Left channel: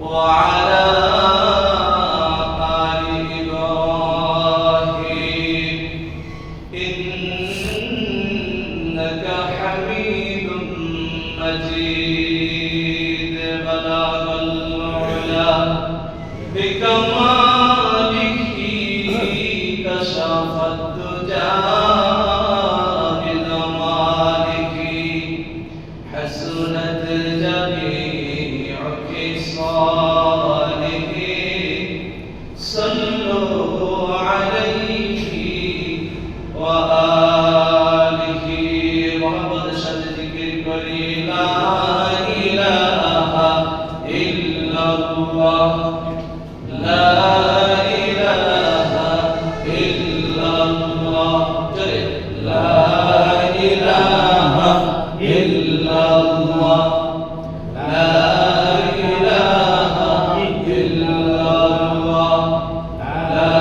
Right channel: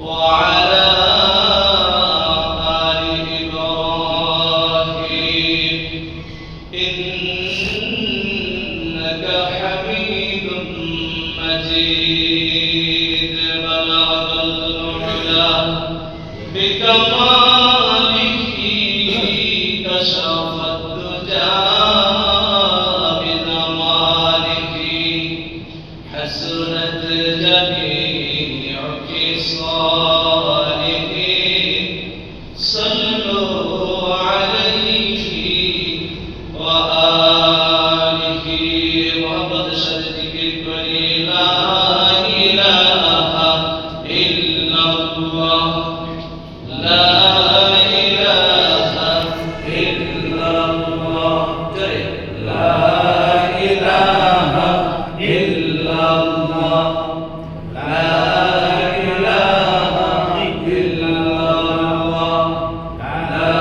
وعلى آل إبراهيم إنك حميد مجيد بلغ العلا بكماله كشف الدجى بنوره حسنت جميع خصاله صلوا عليه وآله محمد صديق الكريم لا إله إلا الله لا إله إلا الله لا إله إلا الله لا إله إلا الله لا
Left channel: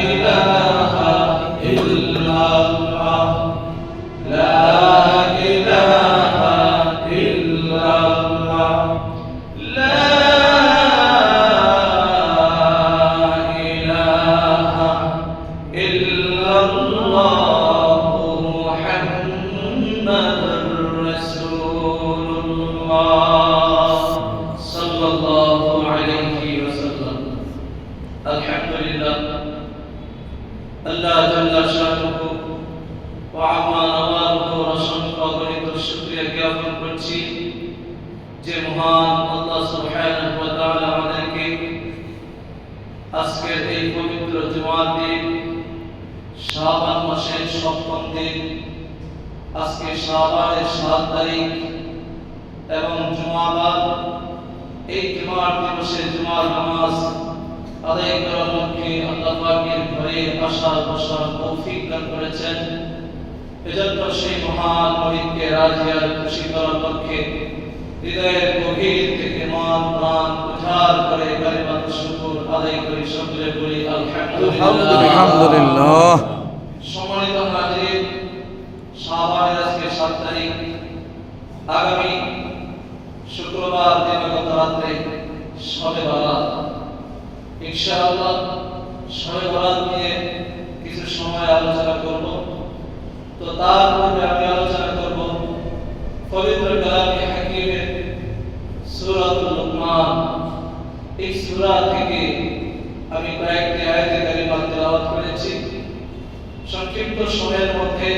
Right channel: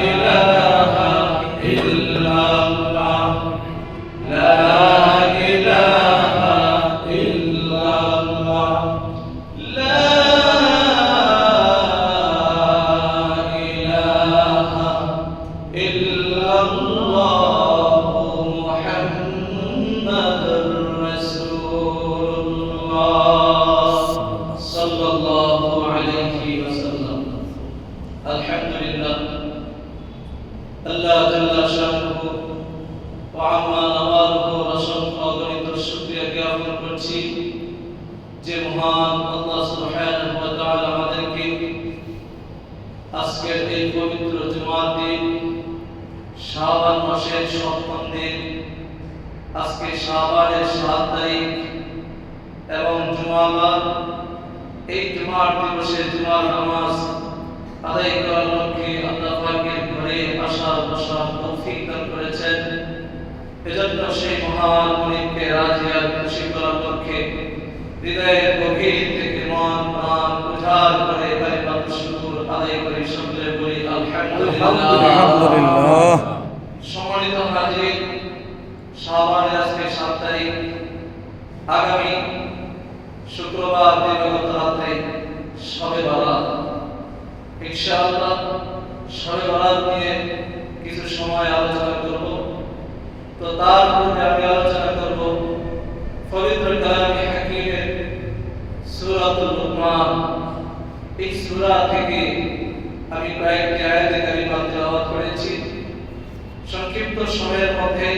إله إلا الله لا إله إلا الله لا إله إلا الله محمد رسول الله صلى الله عليه وسلم الحمد لله الله جل شأنه وعما نواله ورسوله অগণিত শুকরিয়া জ্ঞাপন করছি যে মহান আল্লাহ সুবহানাহু ওয়া তাআলা আমাদেরকে আজকের এই পবিত্র জুমার দিন শাবান মাসের সপ্তম দিন আজকে শাবানের 7 তারিখ এবং জুমাবার এই জুমার দিবসে জুমার নামাজ আদায় করার লক্ষ্যে আল্লাহ পাকের ঘরে আসার বসার তৌফিক দান করেছেন। এজন্য সেই মহান মালিককে রাজি আর খুশি করার লক্ষ্যে হৃদয়ের গভীর থেকে মন প্রাণ উজাড় করে কালিমাত শুকর আদায় করে সকলে বলি আলহামদুলিল্লাহ। সম্মানিত হাজির, শাবানের আজকে 7 তারিখ, আগামী শুক্রবার দিবাগত রাতে শবে বরাত। ইনশাআল্লাহ শবে বরাত নিয়ে কিছু সময় আলোচনা করব। তো তার পূর্বে আমি আলোচনা করব পবিত্র কালামে হাকিমের সূরাতুল লুকমান। এই সূরা থেকে আমি কয়েকটি আয়াতে কারিমা তেলাওয়াত করেছি। সংক্ষিপ্ত সময়ের মধ্যে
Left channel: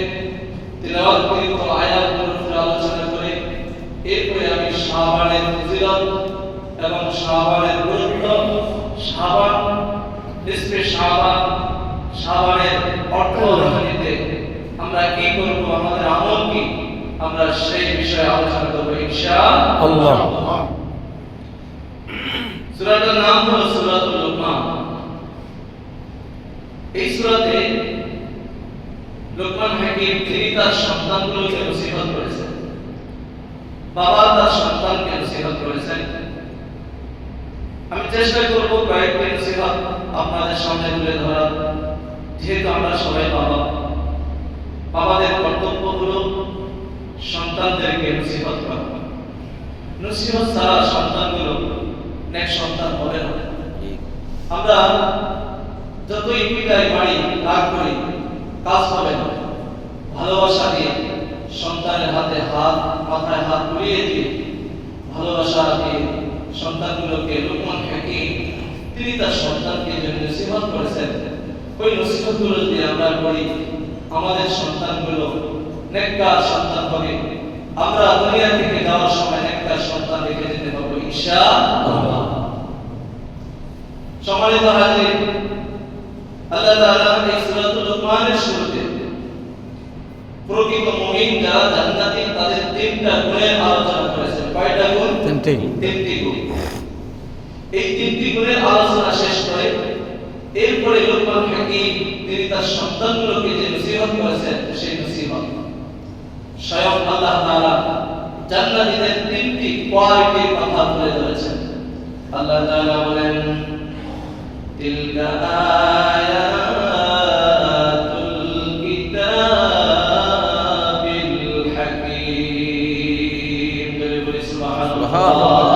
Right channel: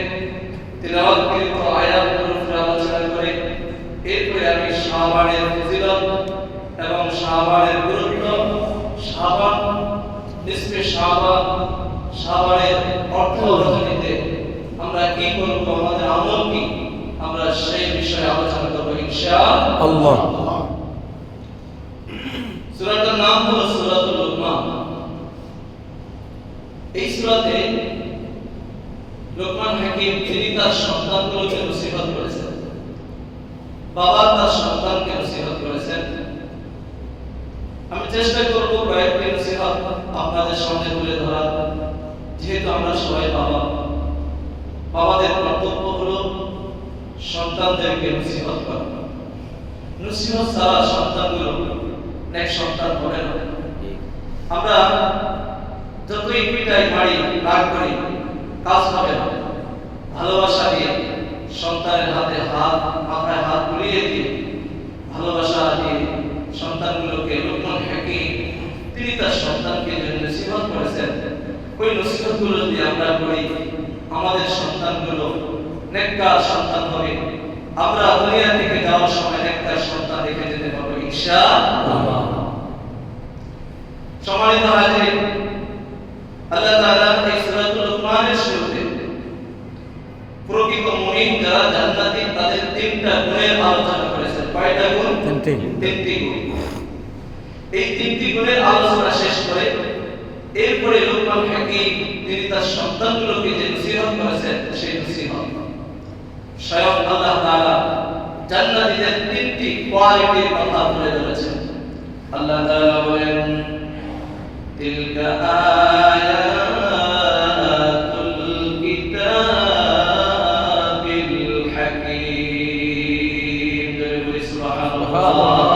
তেলাওয়াতকৃত আয়াতগুলোর উপর আলোচনা করে এরপরে আমি শাবানের ফজিলত এবং শাবানের গুরুত্ব, শাবান নিসফে শাবান, শাবানের অর্থ রজনীতে আমরা কি করব, আমাদের আমল কি, আমরা সেই বিষয়ে আলোচনা করব ইনশাআল্লাহ। সূরাটার নাম হলো সূরাতুল লুকমান। এই সূরাতে লুকমান হাকিম তিনি তার সন্তানগুলোকে নসিহত করেছেন, বাবা তার সন্তানকে নসিহত করেছেন। আমি চেষ্টা করব কয়েকটি নসিহত আপনাদের সামনে তুলে ধরার। যেহেতু আমরা সবাই বাবা, বাবাদের কর্তব্য হলো সন্তানদেরকে নসিহত করা। নসিহত ছাড়া সন্তানগুলো নেক সন্তান হবে না। আমরা যতই পিটাই মারি রাগ করি কাজ হবে না। ভালোবাসা দিয়ে সন্তানের হাতে হাত, মাথায় হাত বুলিয়ে দিয়ে ভালোবাসা দিয়ে সন্তানগুলোকে লুকমান হাকিম তিনি তার সন্তানকে যে নসিহত করেছেন, ওই নসিহতগুলো যদি আমরা করি আমাদের সন্তানগুলো নেককার সন্তান হবে। আমরা দুনিয়া থেকে যাওয়ার সময় নেককার সন্তান রেখে যেতে পারবো ইনশাআল্লাহ। সম্মানিত হাজির, আল্লাহ তাআলা এই সূরাতুল লুকমানের শুরুতে প্রকৃত মুমিন যারা জান্নাতি তাদের 3টা গুণের আলোচনা করেছেন। কয়টা গুণ? 3টি গুণ। এই 3টি গুণের আলোচনা শেষ করে এরপরে লুকমান হাকিম তিনি তার সন্তানগুলোকে যে নসিহত করেছেন সেই নসিহত স্বয়ং আল্লাহ তাআলা জান্নাতীদের 3টি কোয়ালিটির কথা তুলে ধরেছেন। আল্লাহ তাআলা বলেন, তিলকা আয়াতুল কিতাবিল হাকীম। সুবহানাল্লাহ।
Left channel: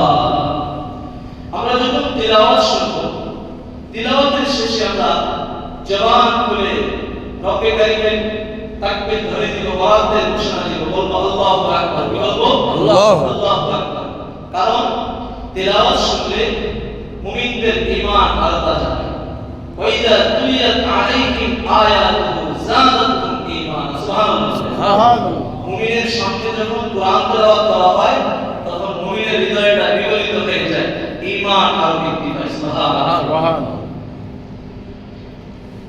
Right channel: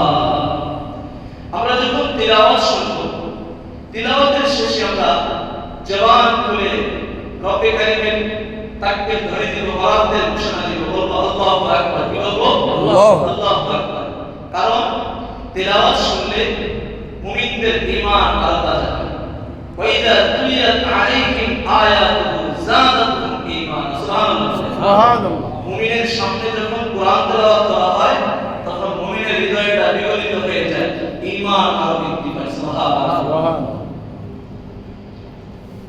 তিলাওয়াত শুনব। তিলাওয়াতের শেষে আমরা জবান খুলে রব্বে কারিমের তাকবীর ধরে দিব, ওয়াক্তের ঘোষণা দিব, বলবো আল্লাহু আকবার। কি বলবো? আল্লাহু আকবার। কারণ তিলাওয়াত শুনলে মুমিনদের ঈমান আরো তাজা হয়। ওয়া ইযা তুলিয়াত আলাইহিম আয়াতুহু যাদাতুহুম ঈমানা। সুবহানাল্লাহ। মুমিনের সামনে যখন কোরআন তেলাওয়াত করা হয় তখন মুমিনের হৃদয়টা বিগলিত হয়ে যায়, ঈমান আরো বৃদ্ধি পায়। সুবহানাল্লাহ।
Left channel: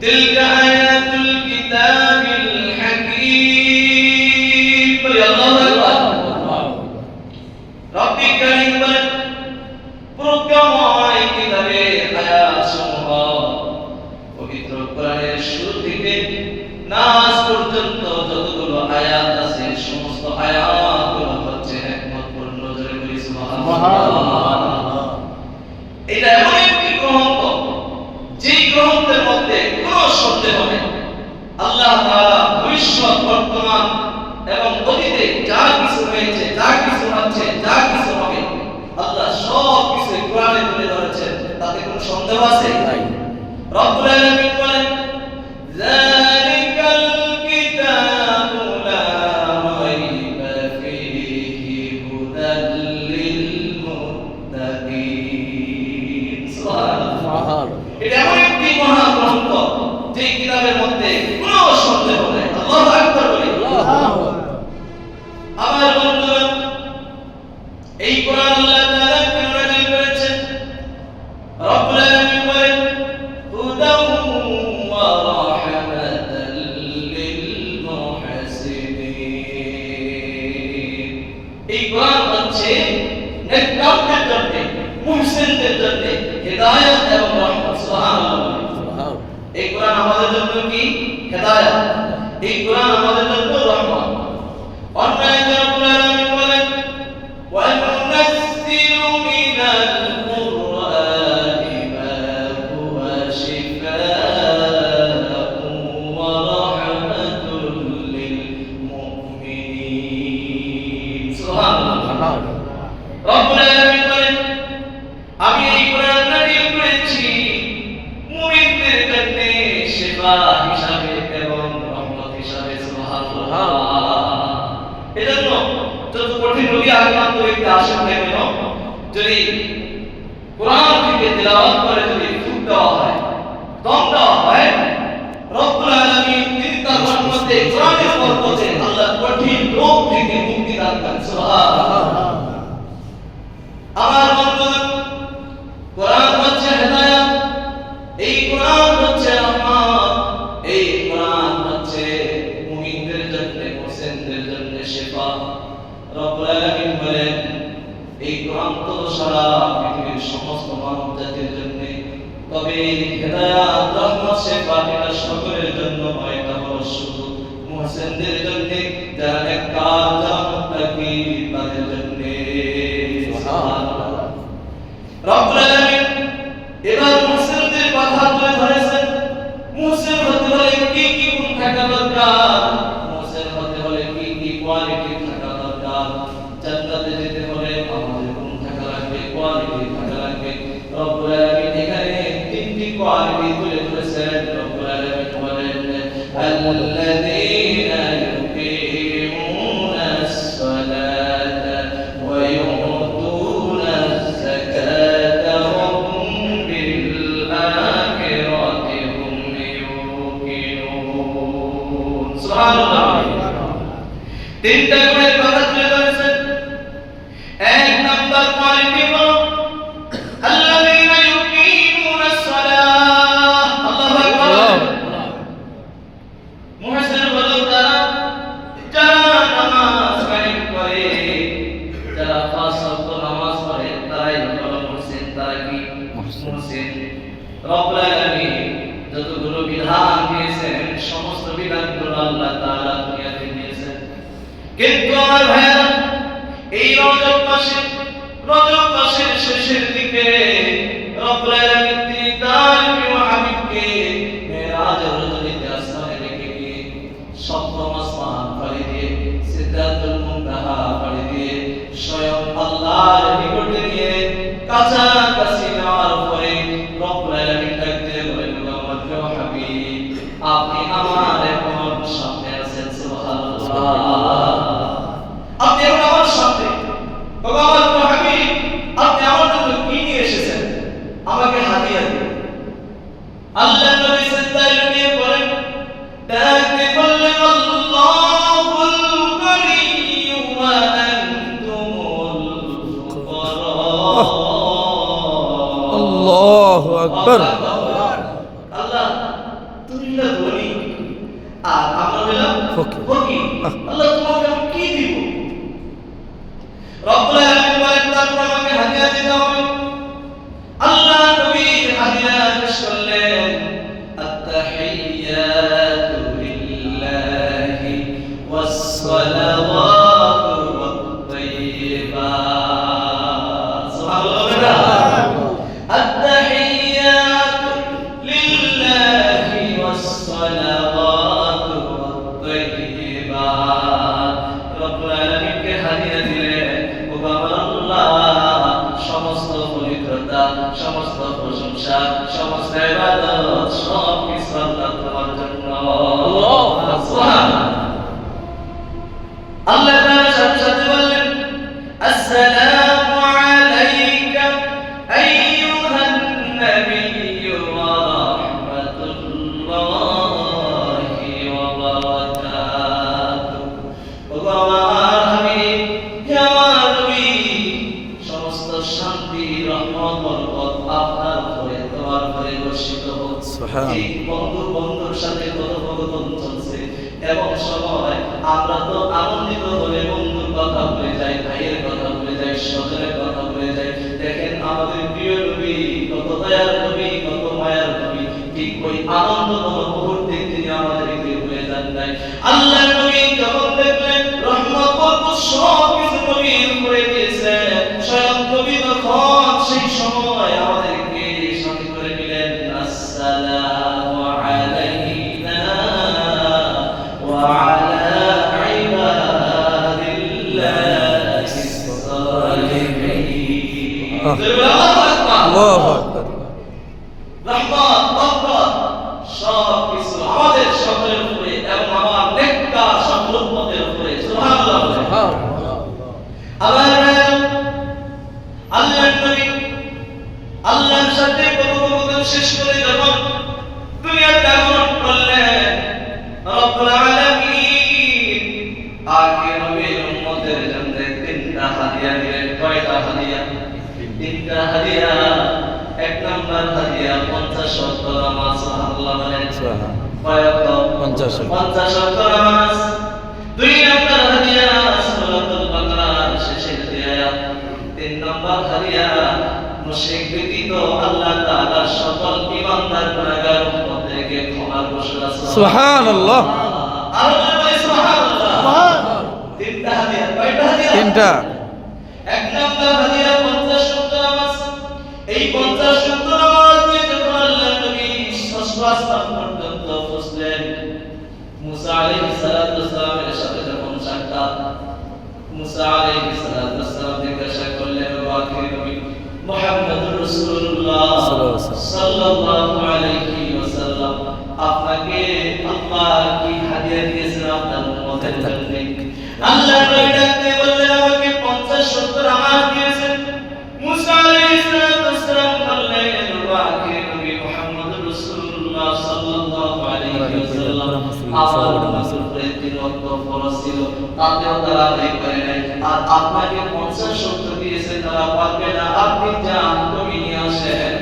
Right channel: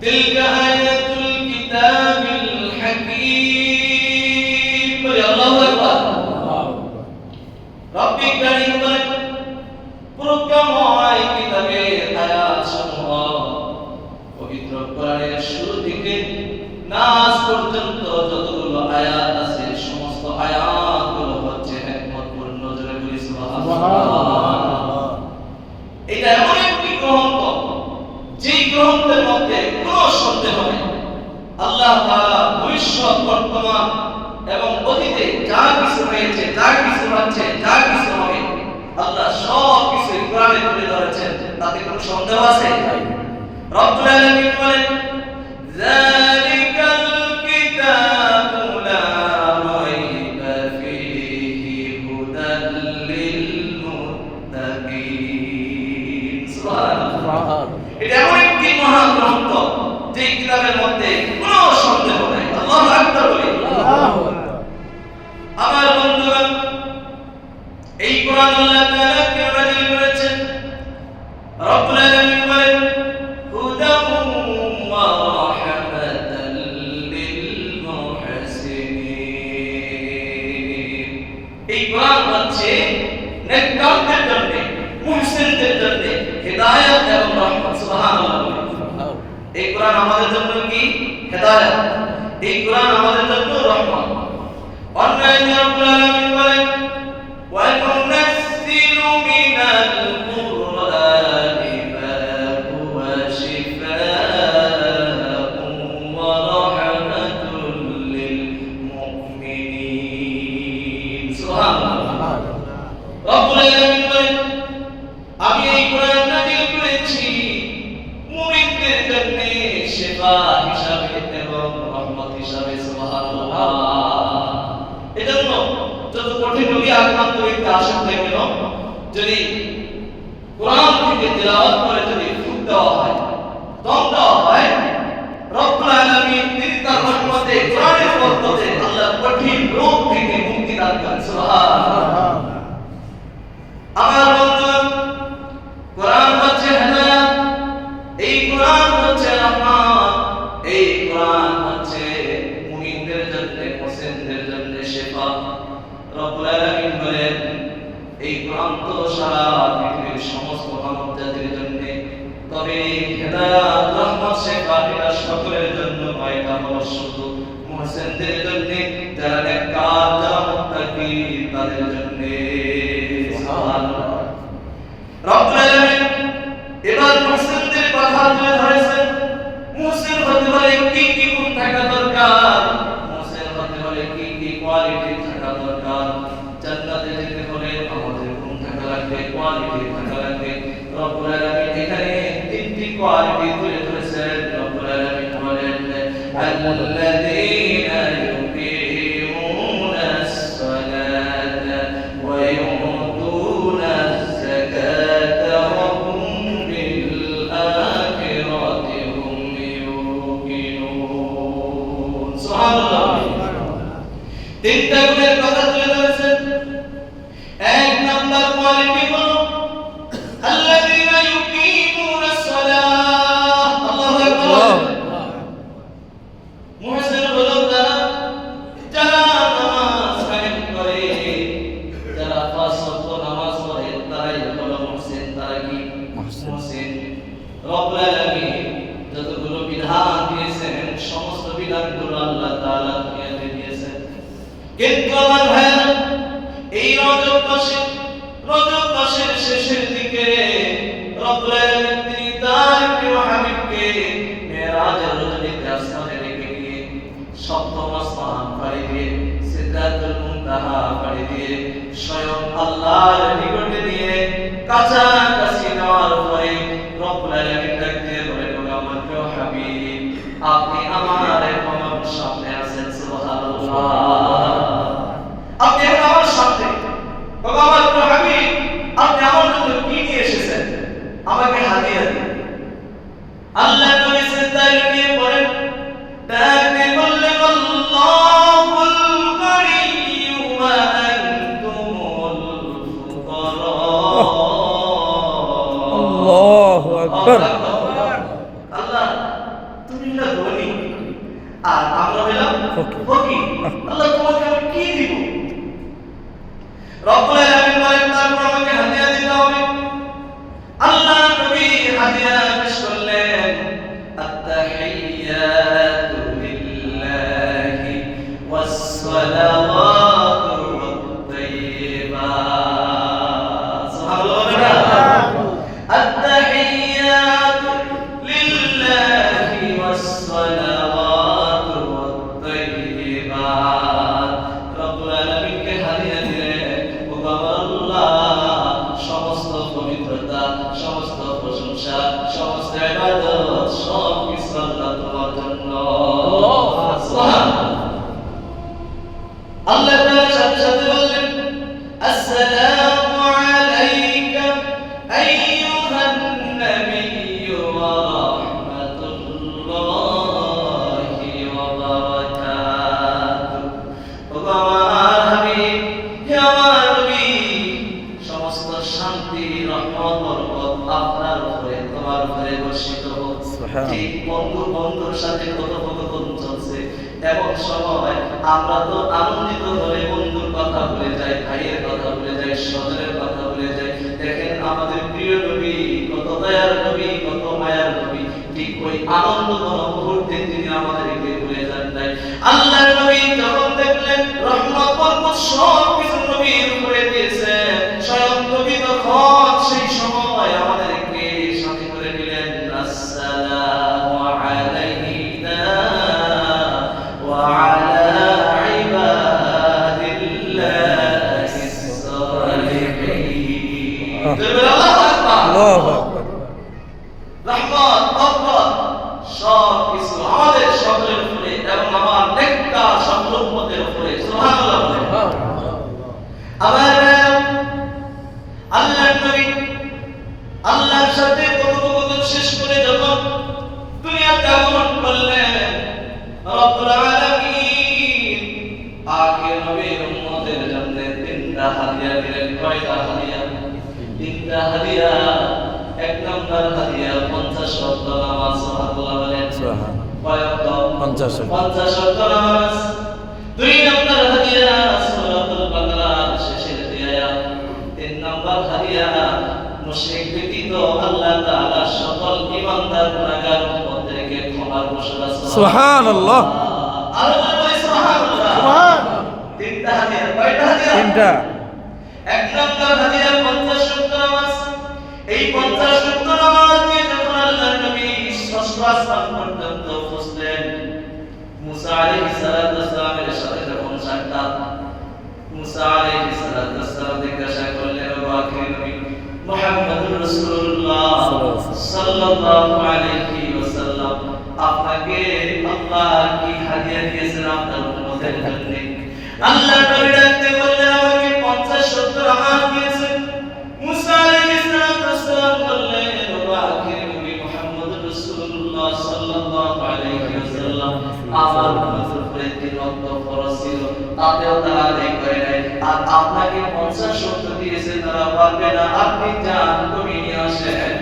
তিলকা আয়াতুল কিতাবিল হাকীম। বলি আল্লাহু আকবার। রব্বে কারীম বলেন প্রজ্ঞাময় কিতাবের আয়াতসমূহ পবিত্র কোরআনের শুরু থেকে নাস পর্যন্ত যতগুলো আয়াত আছে সমস্ত আয়াতগুলো হচ্ছে হিকমতপূর্ণ। জোরে বলি সুবহানাল্লাহ। এটা এমন একটি গ্রন্থ যেই গ্রন্থের মধ্যে কোনো সন্দেহ নেই। আল্লাহ তাআলা ভবিষ্যৎ, বর্তমান এবং অতীতে যা কিছু হয়েছে, যা কিছু হচ্ছে, যা কিছু হবে, আল্লাহ সব কিছু কোরআনে তুলে ধরেছেন। তাতে কোনো সন্দেহ আছে? রব্বুল আলামিন বলেন যালিকাল কিতাবু লা রাইবা ফীহি হুদাল লিল মুত্তাকিন। সুবহানাল্লাহ। এটা এমন একটি মহান গ্রন্থ যে কিতাবের মধ্যে কোনো সন্দেহ নেই। আল্লাহু আকবার বলি। আমার বন্ধুগণ, এই কোরআন আল্লাহ তাআলা কেন নাযিল করেছেন? রব্বুল আলামিন বলেন হুদাম ওয়া রাহমাতাল লিল মুহসিনিন। এই কোরআন হচ্ছে নেককারদের জন্য, মুহসিনদের জন্য হিদায়াত এবং রহমত। সুবহানাল্লাহ। এই কোরআন আমাদের জন্য কি? হিদায়াত। এই কোরআন আমাদের জন্য রহমত। অন্য আয়াতে রব্বুল আলামিন বলেন ওয়া নুনাজ্জিলু মিনাল কুরআনি মা হুয়া শিফাa'un ওয়া রাহমাতুল লিল মুমিনিন। সুবহানাল্লাহ। রব্বুল আলামিন বলেন আমি এই কোরআন নাযিল করেছি মুমিনদের জন্য শিফা হিসাবে এবং রহমত হিসাবে। সুবহানাল্লাহ। এজন্য যত কঠিন রোগী আক্রান্ত ব্যক্তি আসেন না কেন, যদি কোরআন থেকে তেলাওয়াত করে যদি ফুক দেওয়া হয়, দম দেওয়া হয়, রব্বুল আলামিন তিনি তার রহমতে, কোরআনের বরকতে আল্লাহ কঠিন রোগ থেকে মুক্তি দান করেন। সুবহানাল্লাহ। আমার বন্ধুগণ, কোরআন হচ্ছে হিদায়াত, এই কোরআন হচ্ছে রহমত, এই কোরআন হচ্ছে মুমিনদের জন্য, মুহসিনদের জন্য শিফা। রব্বুল আলামিন বলেন এই কোরআন তো সারা পৃথিবীর সমস্ত মানব জাতির জন্য, তবে হিদায়াত, রহমত, শিফা এটা সকলের জন্য নয়, এটা শুধু মুহসিনদের জন্য, যারা নেককার, যারা মুত্তাকি, তাদের জন্য। সুবহানাল্লাহ। রব্বুল আলামিন এবার মুহসিনদের কথা তুলে ধরেছেন। মুহসিন হতে হলে কি কি গুণ থাকা দরকার, মুহসিন হতে হলে কি কি কোয়ালিটি থাকা দরকার, জান্নাতে যেতে হলে আমাদের গুণ থাকা লাগবে, কোয়ালিটি থাকা লাগবে। রব্বুল আলামিন এখানে তিনটি কোয়ালিটি তুলে ধরেছেন। রব্বুল আলামিন বলেন আল্লাযীনা ইউকিমুনাস সালাতা ওয়া ইউতুনাস যাকাতা ওয়া হুম বিল আখিরাতি হুম ইউকিনুন। সুবহানাল্লাহ। তিনটা গুণের কথা তুলে ধরেছেন। এক নাম্বার কোয়ালিটি হলো আল্লাযীনা ইউকিমুনাস সালাহ। আল্লাহু আকবার। মুহসিন হলো তারা যারা নামাজ কায়েম করে, যারা পাঁচ ওয়াক্ত নামাজ পড়ে, তারাই হলো মুহসিন। তারা কি? মুহসিন। রব্বুল আলামিন যতগুলো বিধান দিয়েছেন সমস্ত বিধানগুলো আল্লাহ তাআলা দুনিয়াতে দিয়েছেন। কিন্তু আমার ভাইরা, এই রজব মাসের শেষের দিকে রব্বুল আলামিন তিনি তার প্রিয় হাবিবকে মেরাজের রাতে আসমানে রেখে গিয়ে সপ্তম আসমান পাড়ি দিয়ে সিদরাতুল মুনতাহা পাড়ি দিয়ে স্বয়ং আল্লাহর নিকটে দিয়ে কাছাকাছি নেওয়ার হাদিয়া দিন। আল্লাহ নবী সিজদায় লুটিয়ে পড়েন, ডাক দিয়ে বললেন আল্লাহুল গনিয়্যু ওয়া আনতুমুল ফুকারা। আল্লাহু আকবার। আল্লাহ তুমি না ধনী আর আমরা হলাম ফকির। ফকির। আল্লাহ তোমাকে আমি কি দিব? রব্বুল আলামিন বলেন তারপর আমাকে হাদিয়া দিতে হবে। আল্লাহ নবী হাদিয়া পেশ করলেন, আত-তাহিয়াতু লিল্লাহি ওয়াস-সালাওয়াতু ওয়াত-তাইয়্যিবাত। সুবহানাল্লাহ। আত-তাহিয়াতু লিল্লাহি ওয়াস-সালাওয়াতু ওয়াত-তাইয়্যিবাত। রব্বুল আলামিনকে হাদিয়া দিলেন, ও বাবা আল্লাহ, সমস্ত পবিত্রতা, সমস্ত প্রশংসা, সমস্ত ইবাদত সব কিছু আল্লাহ তোমার জন্য। সুবহানাল্লাহ। আল্লাহ তাআলা সাথে সাথে বললেন, আসসালামু আলাইকা আইয়ুহান নাবিয়্যু ওয়া রাহমাতুল্লাহি ওয়া বারাকাতুহু। ও আমার হাবিব, হে আমার নবী, সমস্ত শান্তি, রহমত, বরকত আপনার উপরে, তোমার উপরে বর্ষিত হোক। সুবহানাল্লাহ। ঠিক বন্ধুর সাথে কথোপকথন চলছে, এমন সময় আমরা তো আনন্দিত হয়ে বন্ধুর কথা ভুলে যাই, ভাইয়ের কথা ভুলে যাই, স্বজনের কথা ভুলে যাই। দেখেন আমাদের প্রিয় নবী, কত দয়ার নবী, কত মায়ার নবী, ঠিক ওই আনন্দঘন মুহূর্তে তিনি আমাদেরকে ভুলে যান নাই। আল্লাহ নবী যখন দেখলেন রহমত বরকত সব কিছু নবীর উপরে দিয়েছে, স্বয়ং নবী তখন সেই সময় আমাদেরকে সাথে করে দিলেন, আসসালামু আলাইনা ওয়া আলা ইবাদিল্লাহিস সালিহিন। আল্লাহু আকবার। রহমত বরকত সব কিছু আমাদের সকলের উপরে এবং আমার নেককার সকল উম্মতের উপরে। সুবহানাল্লাহ। আবার আল্লাহর নবী আল্লাহর সাথে কথোপকথন শেষ করে যখন দুনিয়াতে আগমন করলেন, রব্বুল আলামিন আখির নবীর উম্মতের জন্য তিনটা হাদিয়া দিলেন। কয়টা হাদিয়া? তিনটা হাদিয়া। এক নম্বর হাদিয়া 50 ওয়াক্ত নামাজ। সুবহানাল্লাহ বলেন। সুবহানাল্লাহ। 50 ওয়াক্ত নামাজ। দুই নম্বর হাদিয়া সূরাতুল বাকারার শেষের আয়াত। তিন নম্বর হাদিয়া মুশরিক ব্যতীত আল্লাহ তাআলা সকল ঈমানদার গুনাহগার উম্মতদেরকে ক্ষমার ঘোষণা। সুবহানাল্লাহ। আর বলে সুবহানাল্লাহ। তিনটা হাদিয়া। কয়টা হাদিয়া? তিনটা। এক নম্বর হাদিয়া 50 ওয়াক্ত নামাজ। এই 50 ওয়াক্ত নামাজ দিয়ে যখন আল্লাহর নবী ষষ্ঠ আসমান পর্যন্ত পৌঁছলেন, মুসা আলাইহিস সালাতু ওয়াস সালামের সাথে যখন সাক্ষাৎ, মুসা আলাইহিস সালাতু ওয়াস সালাম জিজ্ঞাসা করলেন, ও আখির নবী মুহাম্মদুর রাসূলুল্লাহ সাল্লাল্লাহু আলাইহি ওয়াসাল্লাম, আপনাকে আল্লাহ কি হাদিয়া দিয়েছেন আপনার উম্মতের জন্য? আল্লাহর নবী ডাকতে বললেন, আমাকে 50 ওয়াক্ত নামাজ দিয়েছেন। মুসা আলাইহিস সালাতু ওয়াস সালাম বললেন, ও আখির নবী মুহাম্মদুর রাসূলুল্লাহ সাল্লাল্লাহু আলাইহি ওয়াসাল্লাম, আমার উম্মতের উপরে 3 ওয়াক্ত ফরজ ছিল, তাতেও তারা আদায় করে নাই। আর আপনাকে 50 ওয়াক্ত দিয়েছেন, তারা পারবে না। আপনি যান, কমিয়ে নিয়ে আসেন।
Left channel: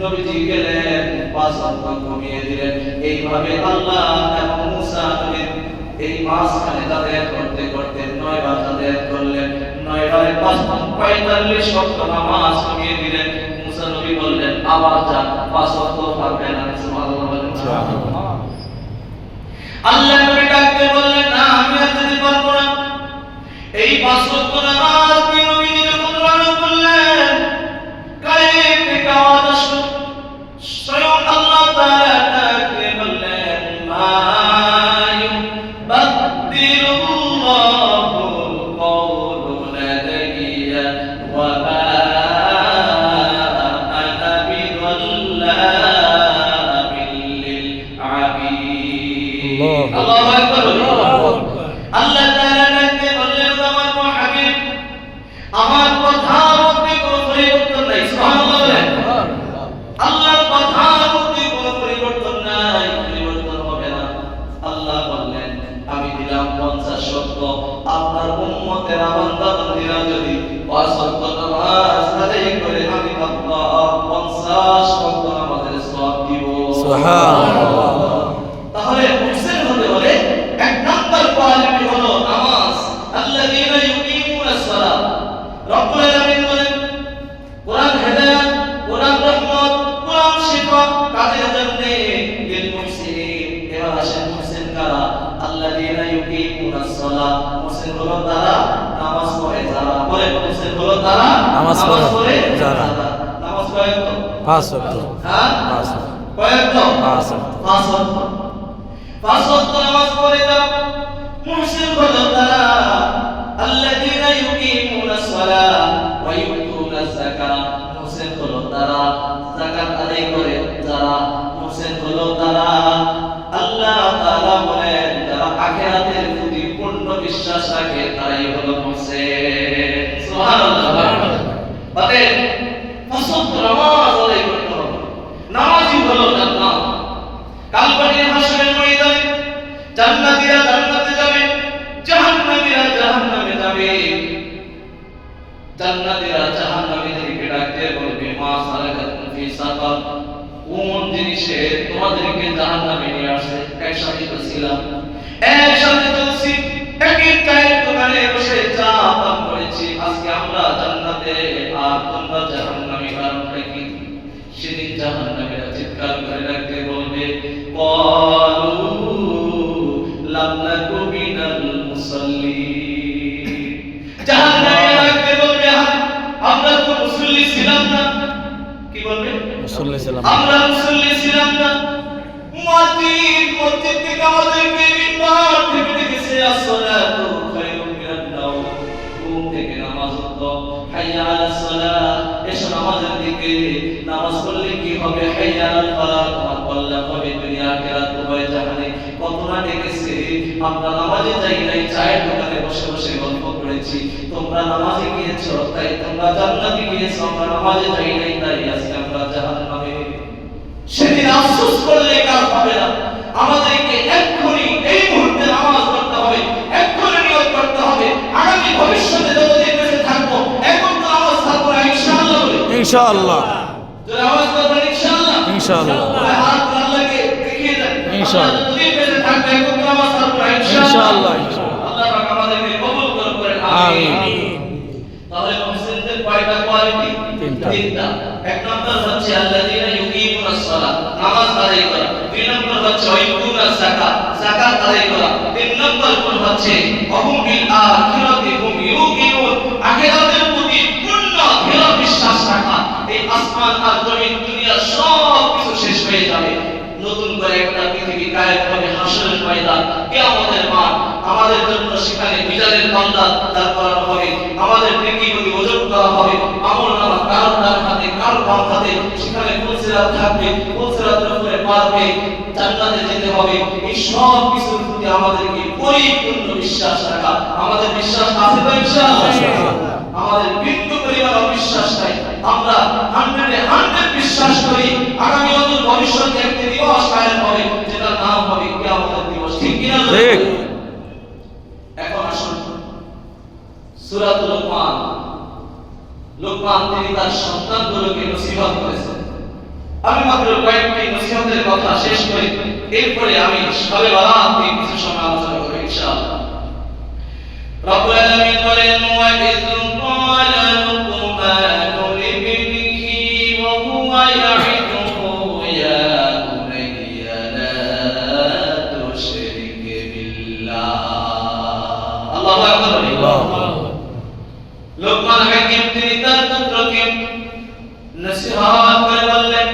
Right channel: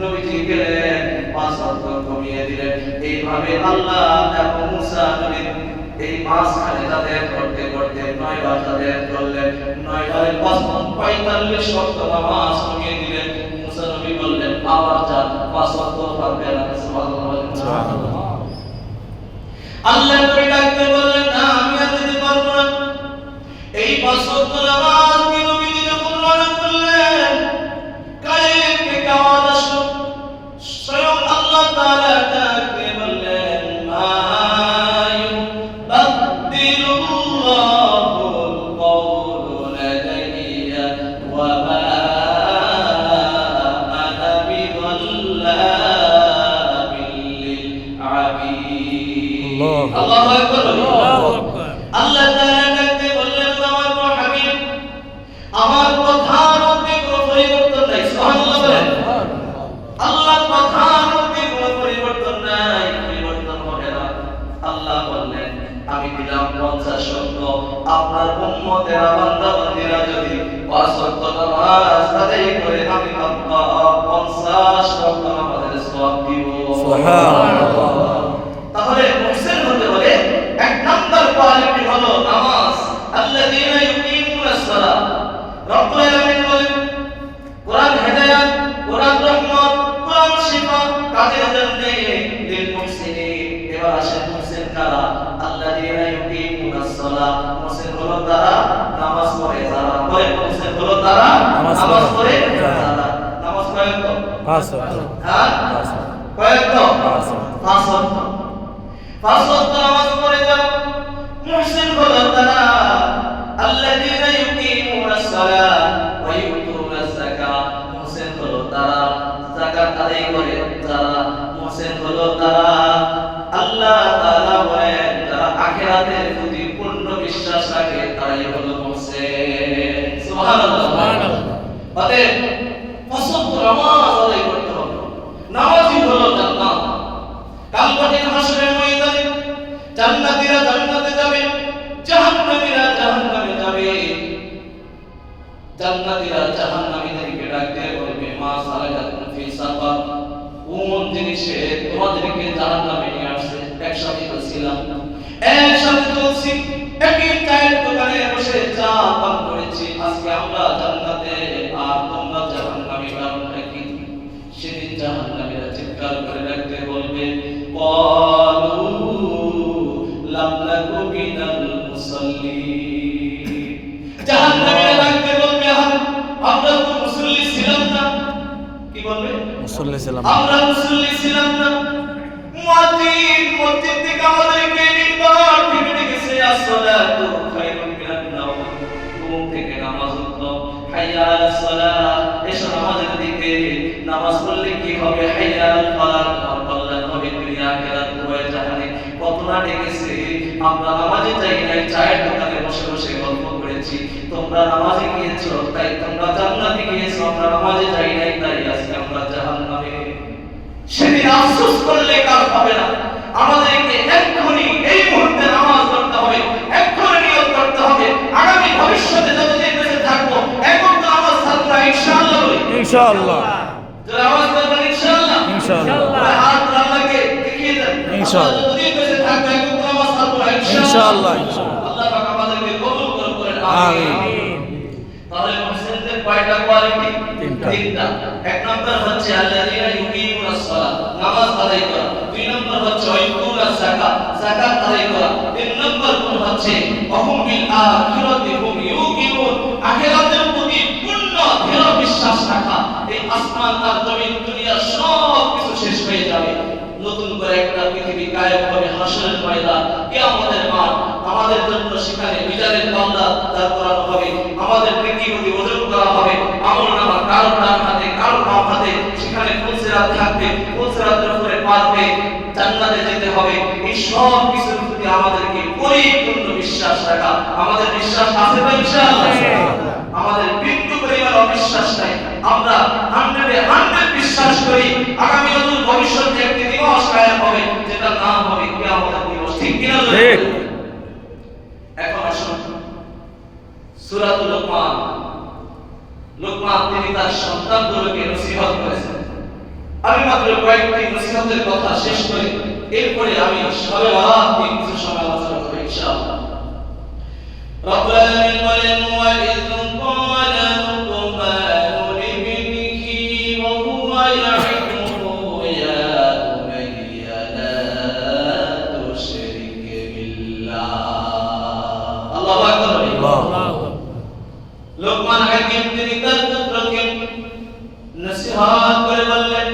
নবীজি গেলেন, 5 ওয়াক্ত কমিয়ে দিলেন। এইভাবে আল্লাহ এবং মুসা নবীর এই মাঝখানে তাদের করতে করতে 9 বার তাদের করলেন। 9 বারে 5 45 ওয়াক্ত নামাজ কমিয়ে দিলেন। মুসা নবী বললেন, আবার যান, 5 ওয়াক্ত পারবে না। সুবহানাল্লাহ। আল্লাহ নবী ডাকতে বললেন, না, আমি আর যেতে পারবো না। এই 5 ওয়াক্ত নামাজ নবীজি যখন রওনা করলেন, কালে থেকে আওয়াজ আসলো, স্বয়ং আল্লাহ তাআলা ডাকতে বললেন, মা ইউবাদদিলুল্লাহুল কওলু লাদাইয়া ওয়া মা আনা বিযাল্লামিন লিল আবিদ। আল্লাহু আকবার। আল্লাহ তাআলা ডাকতে বললেন, আমার হাবিব, আমার কথার মধ্যে কোনো পরিবর্তন নাই। সুবহানাল্লাহ। আল্লাহ দিব। সুবহানাল্লাহ। তাহলে মুহসিন হতে হলে এক নাম্বার কোয়ালিটি হলো নামাজ। আল্লাযীনা ইউকিমুনাস সালাত। রব্বুল আলামিন বলেন কোরআন হেদায়েত, কোরআন রহমত, কোরআন শিফা কাদের জন্য? লিল মুহসিনিন। এবার আসেন মুহসিন কারা? আল্লাযীনা ইউকিমুনাস সালাত। মুহসিন হলো তারা নামাজ পড়ে যারা। বলেন মুহসিন হলো তারা নামাজ পড়ে যারা। নামাজ পড়ে তো 5 ওয়াক্ত। হ্যাঁ 5 কয়েক তো 5 ওয়াক্ত। 5 ওয়াক্ত। 5 ওয়াক্ত নামাজ পড়ে যারা মুহসিন হলো তারা আল্লাযীনা ইউকিমুনাস সালাত ওয়া ইউতুনাজ যাকাত। মুহসিন হলো তারা যাকাত আদায় করে যারা। মুহসিন হলো তারা আল্লাহ তাআলা বলেন যারা আখিরাতের প্রতি পূর্ণ বিশ্বাস রাখে তারাই হলো মুহসিন। সুবহানাল্লাহ। অতএব 5 ওয়াক্ত নামাজ আদায় করতে হবে। নামাজই হলো জান্নাত। কাল কঠিন হাসরের ময়দানে জান্নাতীরা জান্নাতে যাবে, জাহান্নামীরা জাহান্নামে যাবে। জান্নাতীরা জাহান্নামীদেরকে ডাক দিয়ে বলবে মা সালাকাতুম ফি সাকার। কোন জিনিসে তোমাদেরকে জাহান্নামে নিয়ে আসছে? একসাথে তো ছিলাম, একসাথে চলছি, একই চায়ের দোকানে বসে চা পান করেছি। আজকে আমরা জান্নাতে আর তোমরা জাহান্নামে, কারণটা কি? সেদিন জাহান্নামীরা চিৎকার করে ডাকতে বলবে ক্বালু লাম নাকু মিনাল মুসাল্লিন। জাহান্নামীরা ডাকতে বলবে আমরা তো মুসল্লি ছিলাম না। কি বলবে? মুসল্লি ছিলাম। আমরা মুসল্লি ছিলাম না। মসজিদ থেকে আমাদেরকে মিম্বার থেকে ডেকেছে আসসালাতু খায়রুম মিনান নাওম। ঘুম থেকে নামাজ উঠো, হাইয়া আলাস সালাত। এসো নামাজের দিকে। নামাজ পড়লে কি হবে? হাইয়া আলাল ফালাহ। তোমার কল্যাণ হবে দুনিয়া আখিরাত উভয় জাহানে। কত না ডেকেছে, আমরা নামাজে যাই নাই, চায়ের দোকানে বসে বসে গল্প করেছি। তোমরা নামাজে গিয়েছো তাই তোমরা জান্নাতে গিয়েছো, আমরা নামাজে যাই নাই তাই আজকে আমরা জাহান্নামে। সেদিন আফসোস করলে কাজ হবে না। আমাদেরকে এক্ষুনি এই মুহূর্তে নামাজ পড়তে হবে, এক্ষুনি নিয়ত করতে হবে। আগামী ভবিষ্যতে যতদিন বেঁচে থাকবো এখন তো নামাজ ছাড়বো না ইনশাআল্লাহ। বলি ইনশাআল্লাহ। যারা নামাজ পড়বেন ইনশাআল্লাহ। ইনশাআল্লাহ। হাত আল্লাহকে দেখিয়ে দেন ইনশাআল্লাহ। যতদিন বেঁচে থাকবো এখন তো নামাজ ছাড়বো না ইনশাআল্লাহ। আল্লাহ পাক আমাদেরকে কবুল করেন। আমিন। তাহলে মুসলিমদের কয়টা কোয়ালিটি? তিনটা। এক নম্বর হচ্ছে আল্লাযীনা ইউকিমুনাস সালাত, নামাজ আদায় করা। দুই নম্বর হচ্ছে ওয়াইতুনাজ যাকাত, যাকাত আদায় করা। তিন নম্বর গুণ হচ্ছে ওয়াহুম বিল আখিরাতি হুম ইউকিনুন, আখিরাতের প্রতি পূর্ণ দৃঢ় বিশ্বাস রাখা। এই আসমান আর জমিন দুনিয়া সব কিছু শেষ হয়ে যাবে, নতুন করে একটা পৃথিবী কায়েম হবে, হাসরের ময়দান, কিয়ামতের মাঠ। আমাদের জন্য সেখানে বিচারের পাল্লা দাঁড় করানো হবে, আমাদের পৃথিবীকে ওজন করা হবে। আমলনামা কারো ডান হাতে কারো বাম হাতে, সেখানে ফুলসিরাত থাকবে, ফুলসিরাতের উপরে পার হয়ে জান্নাতে যেতে হবে। এই সব কিছুর প্রতি আমাদেরকে পরিপূর্ণ বিশ্বাস রাখা। আমাদের বিশ্বাস আছে তো ইনশাআল্লাহ? আমাদের বিন্দু পরিমাণ অবিশ্বাস নাই। আমরা 100 বিশ্বাস করি আগামী অদূর ভবিষ্যতে একটি দিবস কায়েম হবে, যেটার নাম হবে কিয়ামতের দিবস। ঠিক কি না? ঠিক। এখন আসুন সূরাতুল লুকমান। লুকমান তিনি তার সন্তানগুলোকে নসিহত করেছেন। আমি মাত্র কয়েকটি নসিহতের কথা শেষ করে এরপরে আমি সবে বারাত নিয়ে কিছু সময় আলোচনা করব ইনশাআল্লাহ। রব্বুল আলামিন বলেন ওয়া ইয ক্বালা লুকমানু লিবনিহি ওয়া হুয়া ইয়াইদুহু ইয়া বুনাইয়া লা তুশরিক বিল্লাহ। আল্লাহু আকবার। আল্লাহ। লোকমান হাকিম তিনি তার পুত্রকে নসিহত করে বললেন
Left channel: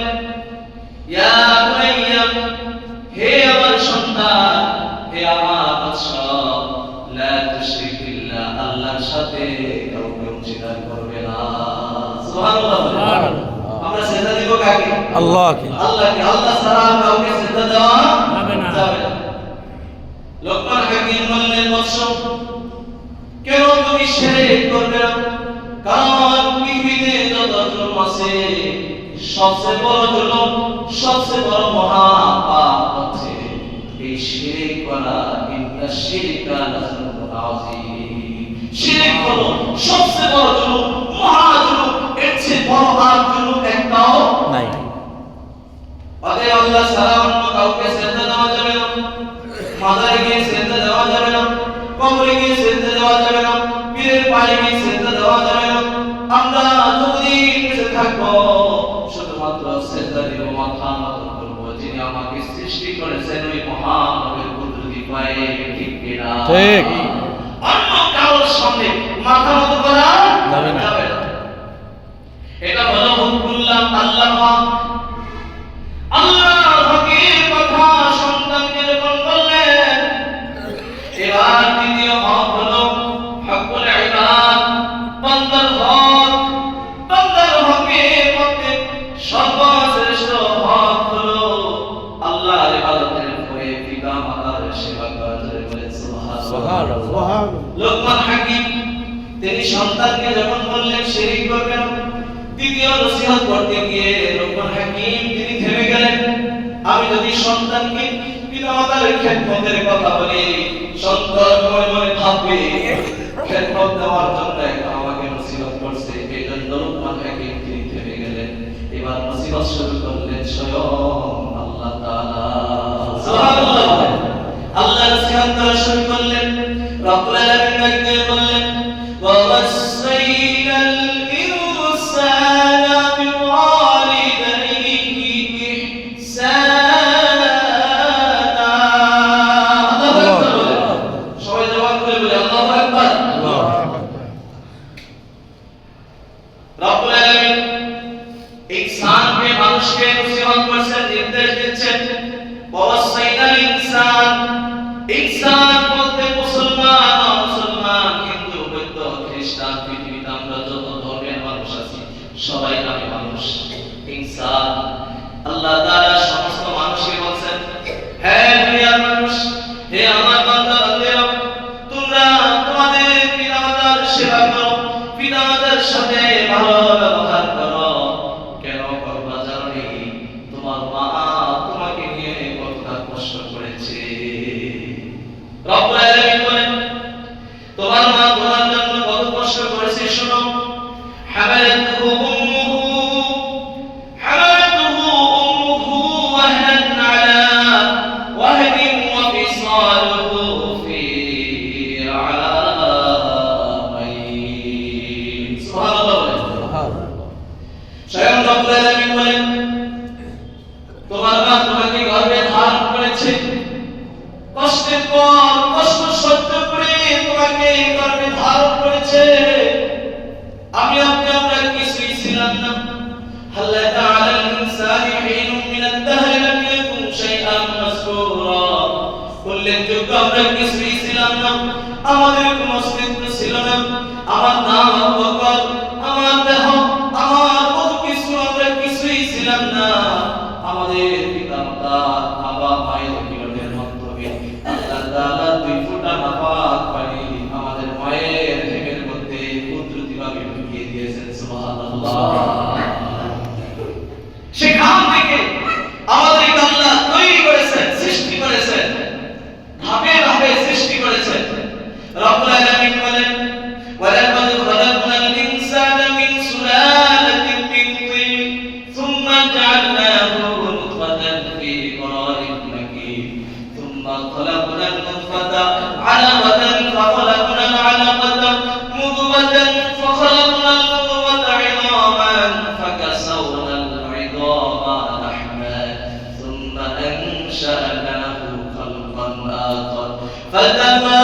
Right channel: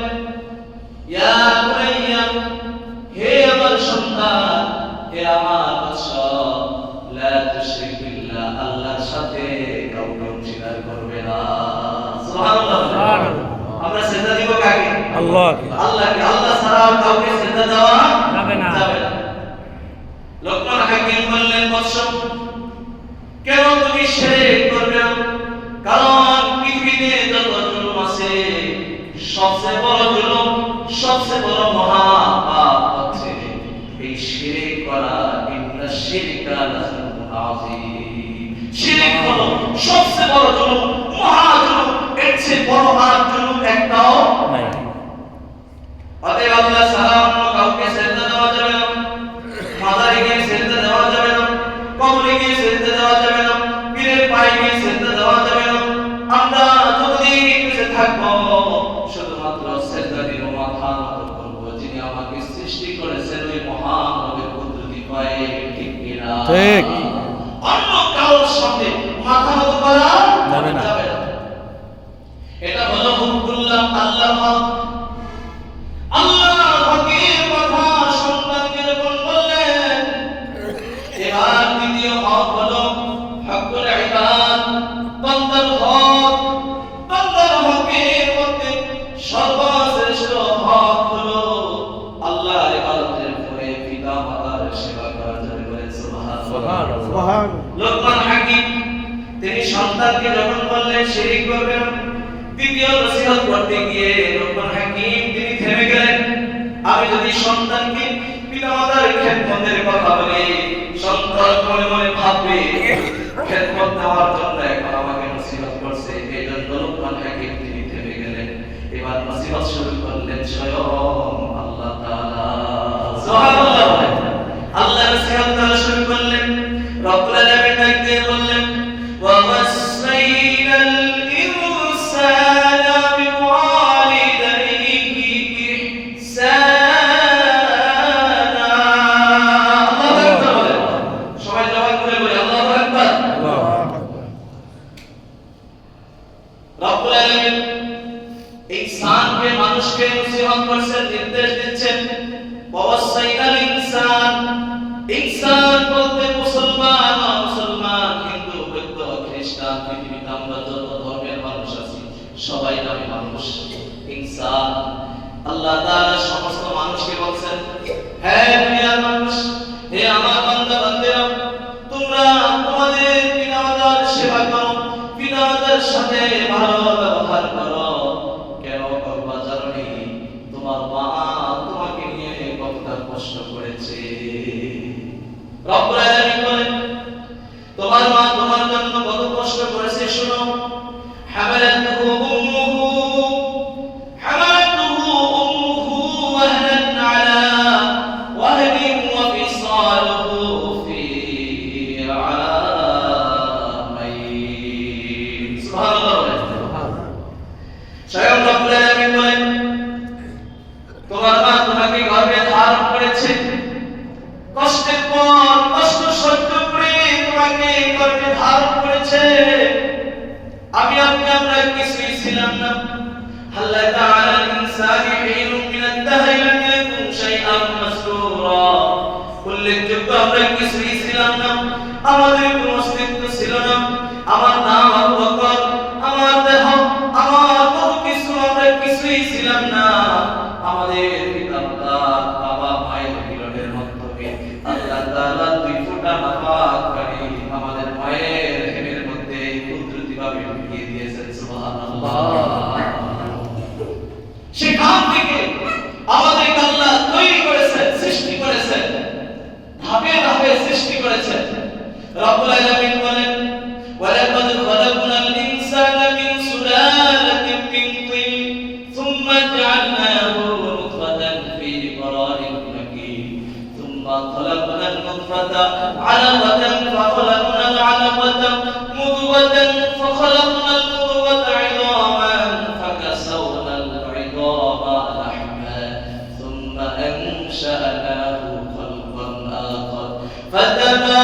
ইয়া বুনাইয়া, হে আমার সন্তান, হে আমার বৎস, লা তুশরিক বিল্লাহ, আল্লাহর সাথে কাউকে অংশীদার করবে না। সুবহানাল্লাহ। আমরা সিজদা দিব কাকে? আল্লাহকে। আল্লাহকে। আল্লাহ ছাড়া আর কাউকে সিজদা দেওয়া যাবে না। লোকমান হাকিম বললেন বৎস, কেন তুমি শিরক করবে না? কারণ পৃথিবীতে যত জুলুম আছে সবচেয়ে বড় জুলুম, সবচেয়ে বড় মহা পাপ হচ্ছে এই শিরক করা। ইন্না শিরকা লাযুলুম আযীম। শিরক হলো সবচেয়ে বড় জুলুম, মহা জুলুম। এর চেয়ে বড় আর জুলুম একটাও নাই। অতএব মাথা নত করব, যিনি আমাকে সৃষ্টি করেছেন ওই মহানবীর কুদরতি পায়ে, ঠিক কিনা? ঠিক। অন্য কারোর সামনে মাথা নত করা যাবে না। এটা হলো হুকুল্লাহ, আল্লাহ পাক আল্লাহ হকের কথা সন্তানকে যখন বললেন। এবার দ্বিতীয় হক হলো হকুল ইবাদ, বান্দার হক। বান্দার হকের মধ্যে সর্বশ্রেষ্ঠ হক হলো আল্লাহর ইবাদতের পরে পিতা মাতার সেবা করা। বলে সুবহানাল্লাহ। লোকমান হাকিম তিনি সন্তানকে যখন বললেন শিরিক করবে না, দ্বিতীয় নসিহত করতে গিয়ে লোকমান হাকিম তিনি থেমে গেলেন। আমি যদি সন্তানকে পিতামাতার খেদমতের কথা বলি, সন্তান মনে মনে ভাববে খেদমত দেওয়ার জন্য এখন আমাকে নসিহত করছে। এই জন্য লোকমান হাকিম তিনি থেমে গেলেন। এবার নসিহত শুরু করলেন স্বয়ং আল্লাহ তাআলা। সুবহানাল্লাহ। আল্লাহ নসিহত করা শুরু করলেন। রব্বুল আলামিন ডাক দিয়ে বললেন, ওয়া ওয়াসাইনাল ইনসানা বিওয়ালিদাইহি ইহসানা। আল্লাহু আকবার বলেন। সবাই জবাব করে বলি আল্লাহু আকবার। রব্বুল আলামিন ইনসানকে, মানুষকে নসিহত করছেন, নির্দেশ দিচ্ছেন। ওয়া ওয়াসাইনাল ইনসান, ইনসান বলতে মুসলমান, মুসলমান, হিন্দু, বৌদ্ধ, খ্রিস্টান, পৃথিবীতে আমরা যত ধর্মের মানুষ আছি সবাই নামে মানুষ। ইনসান আল্লাহ তাআলা সমস্ত মানুষকে বলছেন, হে দুনিয়ার মানুষ, হে আমার বান্দা বান্দিরা, তোমরা তোমাদের পিতামাতার সেবা করো, পিতামাতার সাথে ভালো ব্যবহার করো। কেন করবা জানো নি? তোমার মা তোমাকে নিয়ে কতটা কষ্ট করেছে। রব্বুল আলামিন বলেন, তোমার মা তোমার জন্য কত কষ্ট করেছে শোনো। হামালাতুহু উম্মুহু ওয়াহনান আলা ওয়াহদিন ওয়া ফিসালুহু ফি আমাইন। সুবহানাল্লাহ। স্বয়ং রব্বুল আলামিন বলেন, তোমার মা তোমাকে গর্ভে ধারণ করেছে, কষ্টের পর কষ্ট সহ্য করে তোমাকে গর্ভে ধারণ করেছে। আমি আমরা কিছুই ছিলাম না। আল্লাহ তাআলা ইনসানি হিনুম মিনাদ দাহরি লাম ইয়াকুন শাইআন মাসকুরা। উল্লেখযোগ্য আমরা কিছুই ছিলাম না, আমাদের কোনো অস্তিত্ব ছিল না। আমার নাম আবু বকর, আমার দেহ, আমার কত কিছু, আমরা কিছুই ছিলাম না। আমাদের পিতামাতা বাবা মায়ের মিলনের মাধ্যমে আল্লাহ তাআলা দুই ফোঁটা নাপাক পানি আমাদের মায়ের হেমের মধ্যে কুদরতিভাবে ঢুকিয়ে দিয়েছেন। সুবহানাল্লাহ। সেখান থেকে আমাদের আল্লাহ তৈরি করেছেন, সৃষ্টি করেছেন, ধাপে ধাপে সৃষ্টি করেছেন। রব্বুল আলামিন বলেন, ওয়ালাকাদ খালাকনাল ইনসানা মিন সুলালাতিন মিন তিন সুম্মা জাআলনাহু নুতফাতান ফি قرارিন মাকিন সুম্মা খালাকনাল নুতফাতা আলাকাতান ফাখালাকনাল আলাকাতা মুদগাতান ফাখালাকনাল মুদগাতা ইদামান ফাকাসাওনাল ইদামা লাহমা সুম্মা আনশা'নাহু খালকান আখার ফাতাবারাকাল্লাহু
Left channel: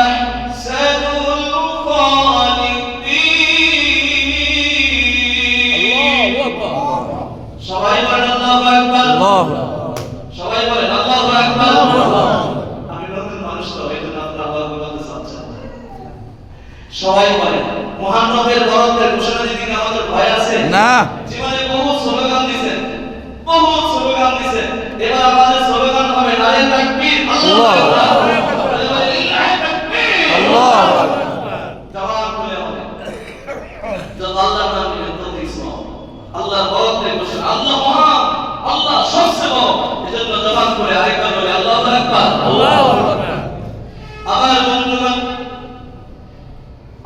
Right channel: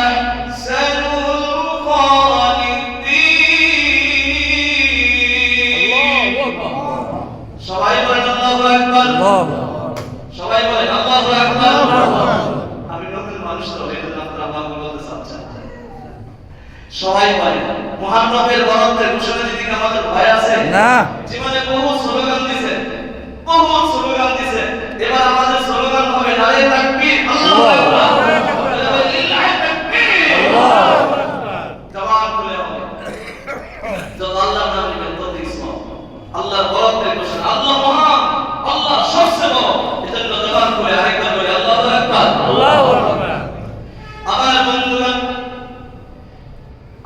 আহসানুল খালিকিন। সবাই বলেন আল্লাহু আকবার। সবাই বলেন আল্লাহু আকবার। আমি নতুন মানুষ তো, এই জন্য আপনারা আল্লাহু আকবার বলতে চাচ্ছেন। সবাই বলেন মুহাম্মদের বরত্বের ঘোষণা দিতে কি আমাদের ভয় আছে? না। জীবনে বহু স্লোগান দিয়েছেন, বহু স্লোগান দিয়েছেন। এবার আমাদের স্লোগান হবে নারে তাকবীর, আল্লাহু আকবার, লিল্লাহি তাকবীর, আল্লাহু আকবার। জবান খুলে হবে। যত আল্লাহর নাম নিবেন তত ইসলাম। আল্লাহর বরত্বের ঘোষণা, আল্লাহ মহান, আল্লাহ সবচেয়ে বড়। এজন্য জবান খুলে আরেকবার বলি আল্লাহু আকবার, আল্লাহু আকবার। আমার বন্ধুগণ,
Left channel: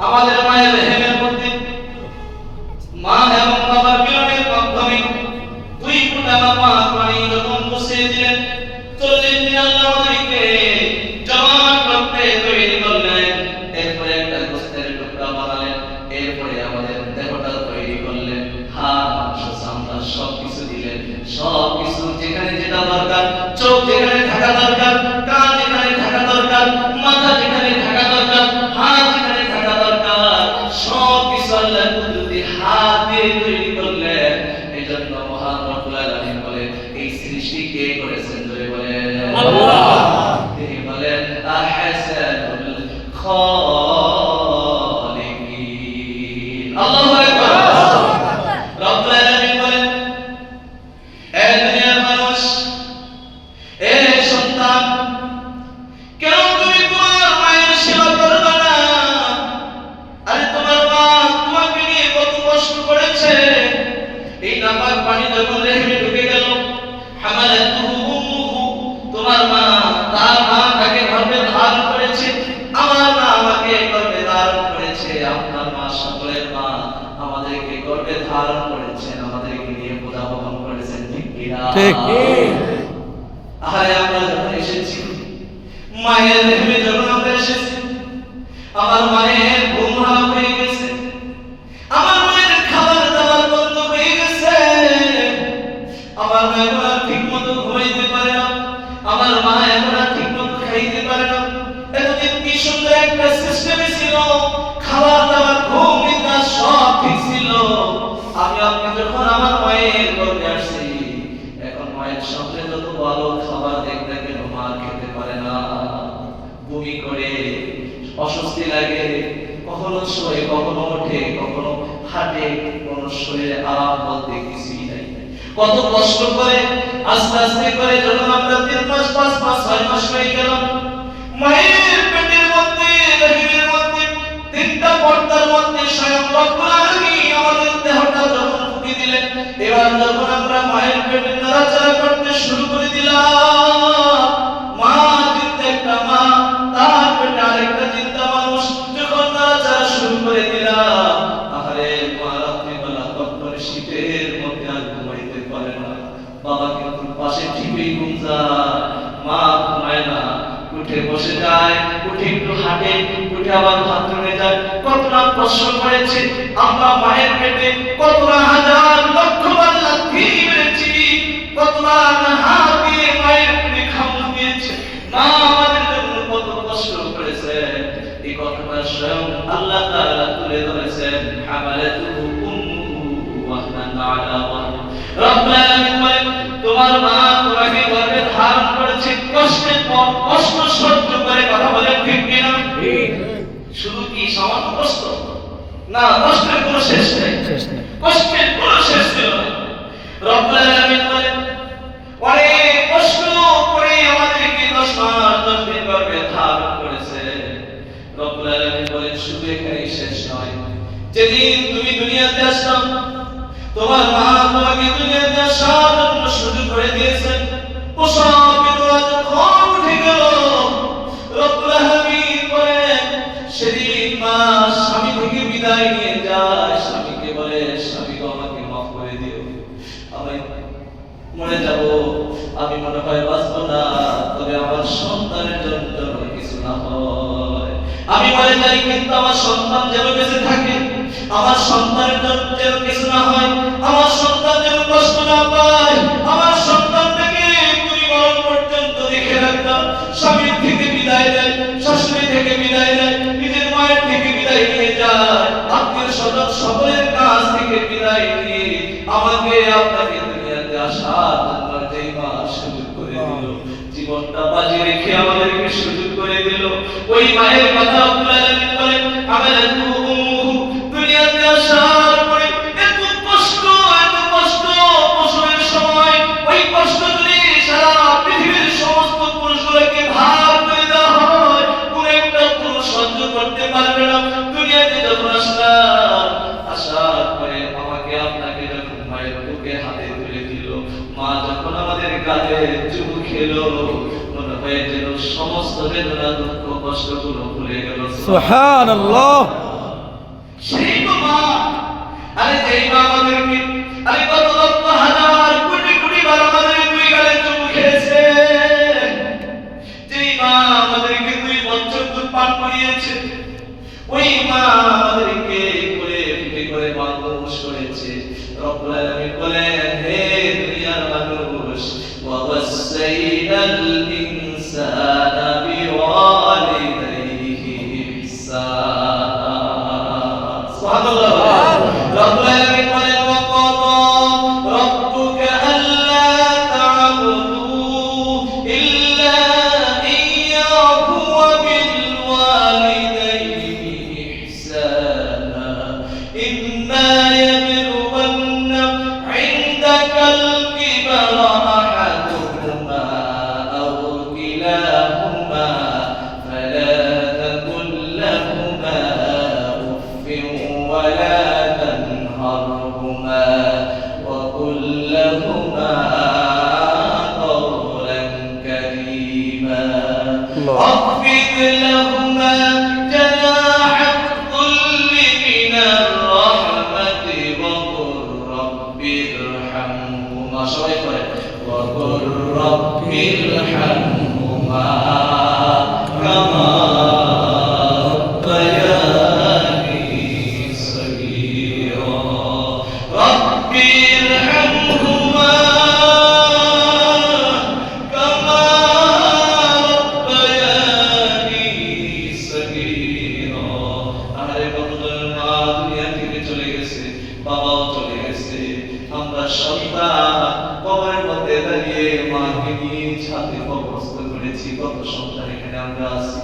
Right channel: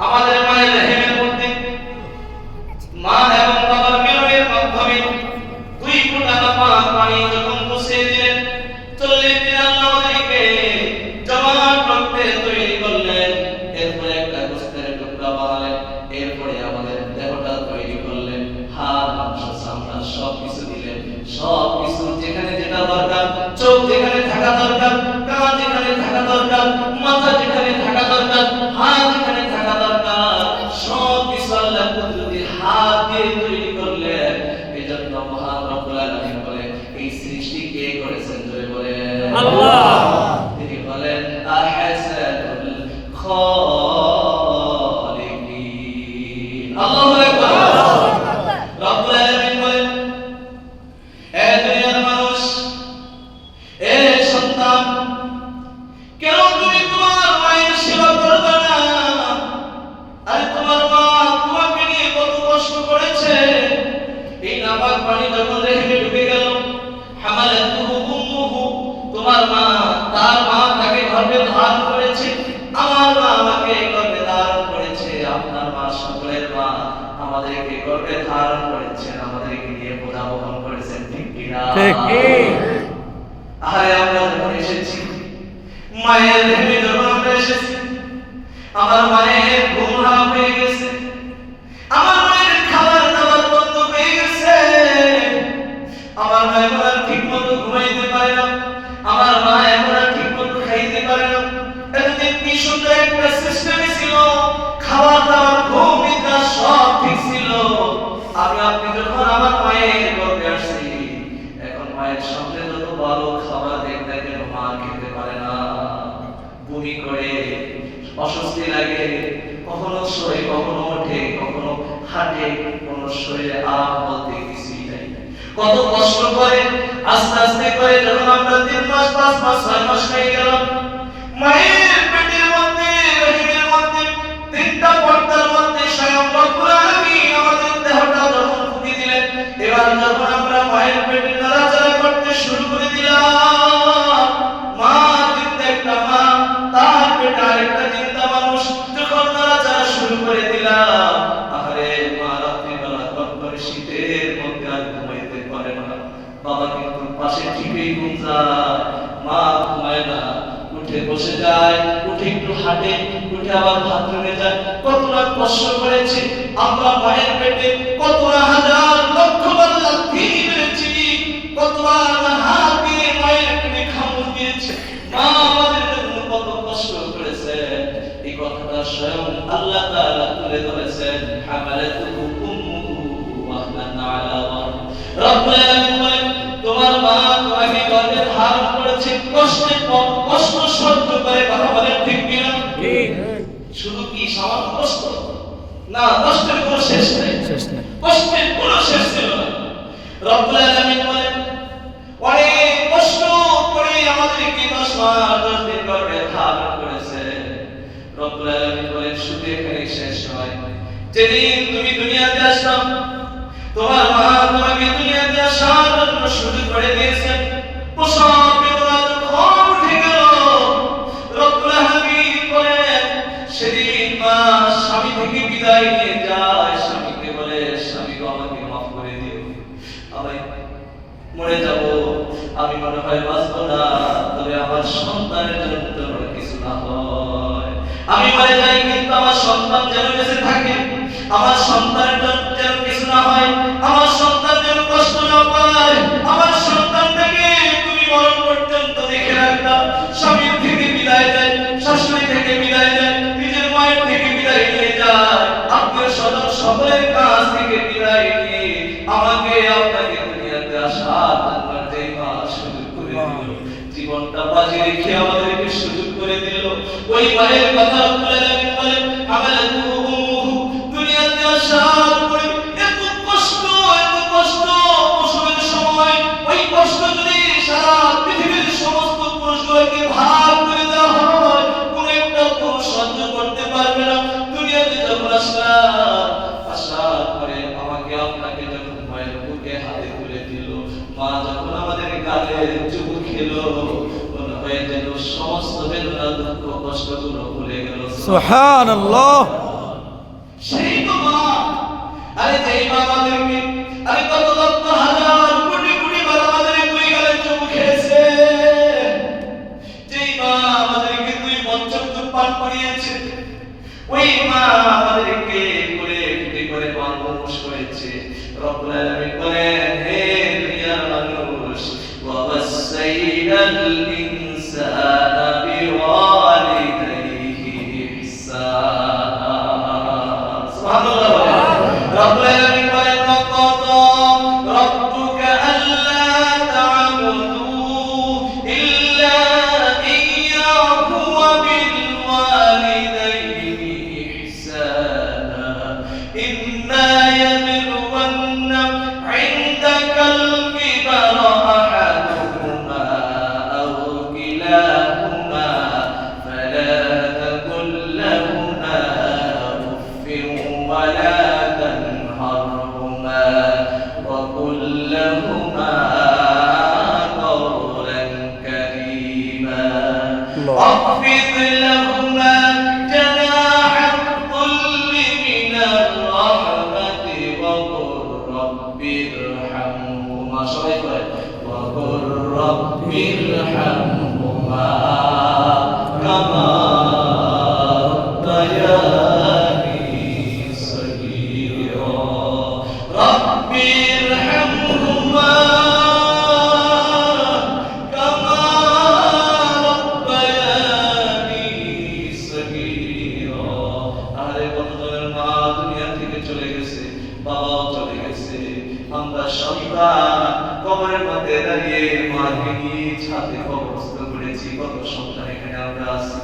আমাদের মায়ের রেহেমের মধ্যে মা এবং বাবার মিলনের মাধ্যমে দুই ফোঁটা নাপাক পানি যখন বসিয়ে দিলেন, 40 দিন আল্লাহ আমাদেরকে জবান করতে তৈরি করলেন। এরপরে একটা গোশতের টুকরা বানালেন, এরপরে আমাদের দেহটা তৈরি করলেন, হাত সন্তান সবকিছু দিলেন, সবকিছু যেখানে যেটা দরকার, চোখ যেখানে থাকা দরকার, কান যেখানে থাকা দরকার, মাথা যেখানে থাকা দরকার, হাত যেখানে থাকা দরকার, সবকিছু আল্লাহ কুদরতি হাত দিয়ে তৈরি করলেন। এই জন্য মহান রব্বুল আলামিন বলেন, এই সৃষ্টি কে করেছেন? জোরে বলেন আল্লাহ। তিনি বলেন আহসানুল খালিকিন। আল্লাহু আকবার। রব্বুল আলামিন বলেন, এ দুনিয়ার মানুষ, এ সন্তান, কেন তুমি তোমার মায়ের সেবা করবে না? আরে তোমার মা তোমাকে নিয়ে কত কষ্ট করেছে। এই নাপাক পানি যখন রেহেমে ঢুকে গেল, হামালাতুহু উম্মুহু, তোমার মা, তার মা তাকে গর্ভে ধারণ করেছে, আমার মা আমাকে গর্ভে ধারণ করেছে, আপনার মা, সকলের মা আমাদেরকে গর্ভে ধারণ করেছেন, আমাদেরকে নিয়ে বোঝা বহন করেছেন, ঠিক কিনা? ঠিক। আরে আমরা যখন এসেছি, মায়ের রেহেমে যখন আমরা এসেছি, আমার মায়ের ঘুম হারাম হয়ে গেছে, আমার মায়ের খাবার দাবার বন্ধ হয়ে গেছে, আমার মা এখন আর ঠিক মতো ঘুমাইতে পারে না, আমার মা এখন আর ঠিক মতো খাইতে পারে না। এতদিন কি সুন্দর একটা সিস্টেমে ছিল, খাবার দাবার ঘুম নিদ্রা সব ঠিক ছিল। আমি আপনি যখন আমার মায়ের গর্ভে আসছি, এখন মায়ের সামনে যত ভালো খাবার দেখতে কেন মা খেতে পারে না, বমি করে, অস্বস্তি লাগে, কখনো শোয়ে, কখনো ওঠে, কখনো হাঁটে, কোনো শরীরে আরাম বলতে কিছুই নাই। কত কষ্ট করে আস্তে আস্তে করে যখন আমরা 3 মাস 5 মাস 6 মাস হয়ে গেলাম, মায়ের পেটের মধ্যে, রহিমের মধ্যে, 3টা পর্দার মধ্যে স্বয়ং রব্বুল আলামিন আমাদের দেহটা যখন ফুঁকে দিলেন, এবার যখন আমরা মায়ের পেটে নড়াচড়া করতে শুরু করে দিলাম, মা চিন্তা একটা মা, তার পেটে আরেকটা চিন্তা মানুষ, যখন নড়াচড়া শুরু করে দিলাম, আরে মা রাত্রিবেলা কটকটে শীতের মধ্যে আর ঘুমাইতে পারে না, বাবা কিন্তু পাশে ঠিকই ঘুম যায়, মা ঘুমায় না, উঠে বসে যায়, উঠে একটু হাঁটে, উঠে আবার বাথরুমে যায়। কত না কষ্ট করেছে আমরা মায়ের পেটে, কত না হাজার লক্ষ বার লাথি মেরেছি, কত না হাত দিয়ে মায়ের পেটে খামড় দিয়েছে, মা আমাদের জন্য কত কষ্ট করেছে। এই কথাটা স্বয়ং আল্লাহ তাআলা তুলে ধরেছেন, হামালাতুহু উম্মুহু ওয়াহনান আলা ওয়াহন। রব্বুল আলামিন বলেন, তোমার মা তোমাকে গর্ভে ধারণ করেছে, কষ্টের পর কষ্ট সহ্য করে, কথা বলেন ঠিক কিনা? শুধু কি সামান্য কষ্ট না, কষ্টের কোনো শেষ নেই, কষ্টের কোনো শেষ ছিল না। রব্বুল আলামিন বলেন, অনেক কষ্ট করে আমাদেরকে 10 মাস 10 দিন গর্ভে ধারণ করেছে। রব্বুল আলামিন বলেন, শুধু এখানেই শেষ নয়, যেদিন তুমি দুনিয়াতে আসলাম, তোমার মা তোমাকে দুনিয়াতে আসার জন্য শুরু করে দিয়েছেন, প্রসব বেদনা যখন উঠে গেল, রব্বুল আলামিন বলেন, সেদিন মা স্বামী থেকে বিদায় নিয়ে যায়, স্বামীকে বলে, স্বামী গো আমাকে মাফ করে দিও, আমি মরে যাব, আমি মনে হয় বাঁচব না, তবে আমার সন্তানের জন্য যেন কিছু না হয়, আমি মরে যাই কিন্তু আমার সন্তান যেন বেঁচে থাকে, আমার সন্তানের জন্য যেন কিছু না হয়, আমার সন্তান যেন কষ্ট না পায়, আমার সন্তানটাকে তুমি মরণ পর্যন্ত দেখে রাখবা। স্বামীর থেকে বিদায় দেয়, শাশুড়ি থেকে বিদায় দেয়, নিজের মায়ের থেকে বিদায় নিয়ে যায়, আত্মীয় স্বজন সকলের কাছ থেকে বিদায় নিয়ে আমাকে আপনাকে দুনিয়াতে আসার জন্য যেই মা সুযোগ করে দিল, জীবনটা বাজি রেখে আমাদেরকে সুযোগ করে দিল, ওই মায়ের কথা রব্বুল আলামিন বলেন, হামালাতুহু উম্মুহু, দুনিয়াতে আসার পরে এত কষ্ট প্রসবের সময়, ওই কষ্ট যদি সারা পৃথিবীর সমস্ত পুরুষগুলোকে ভাগ করে দেওয়া হয়, কোন একটা পুরুষ সহ্য করতে পারবে না। দুনিয়াতে যখন আসলাম, আসার পরে আমাকে আপনাকে যখন মায়ের বুকে হাতে তুলে দিল, মা যখন আমাদের গালে চুমু খেলো, মনে হয় যেন সমস্ত বেদনা দুঃখ কষ্টগুলো ভুলে গেল। সুবহানাল্লাহ। সেই তো মা, আরে যেই মা আমাদেরকে, আরে কত লক্ষ হাজার কোটি কোটি বার আমাদের দুই গালে চুমু খেয়েছে, যেই মা আমাদেরকে 2 বছর দুধ পান করিয়েছে, ওই মা আমাদেরকে করে পিঠে করে মানুষ করেছে, রব্বুল রব্বুল আলামিন বলেন, হে দুনিয়ার মানুষ, ওয়া ওয়াসাইনাল ইনসানা বিওয়ালিদাইহি ইহসানা। সুবহানাল্লাহ। রব্বুল আলামিন বলেন, ওয়া ক্বাদা রাব্বুকা আল্লা তা'বুদু ইল্লা ইয়্যাহু ওয়া বিল ওয়ালিদাইনি ইহসানা ইম্মা ইয়াবলুগhanna 'indakal kibara ahaduhuma aw kilahuma fala taqul lahumā uffin wa la tanharhumā wa qul lahumā qawlan karīmā واخفض لهما جناح الذل من الرحمة وقل رب ارحمهما وقل رب ارحمهما كما ربياني صغيرا رب ارحمهما كما ربياني صغيرا। আরে বন্ধুরা, মা দুনিয়া থেকে চলে গেছে, বাবাও চলে গেছে, আমরা সন্তান কবরের মধ্যে দাঁড়িয়ে মাকে নিয়ে ছাদে কবরস্থ করেছি। কত সন্তান এখানে আমরা আছি,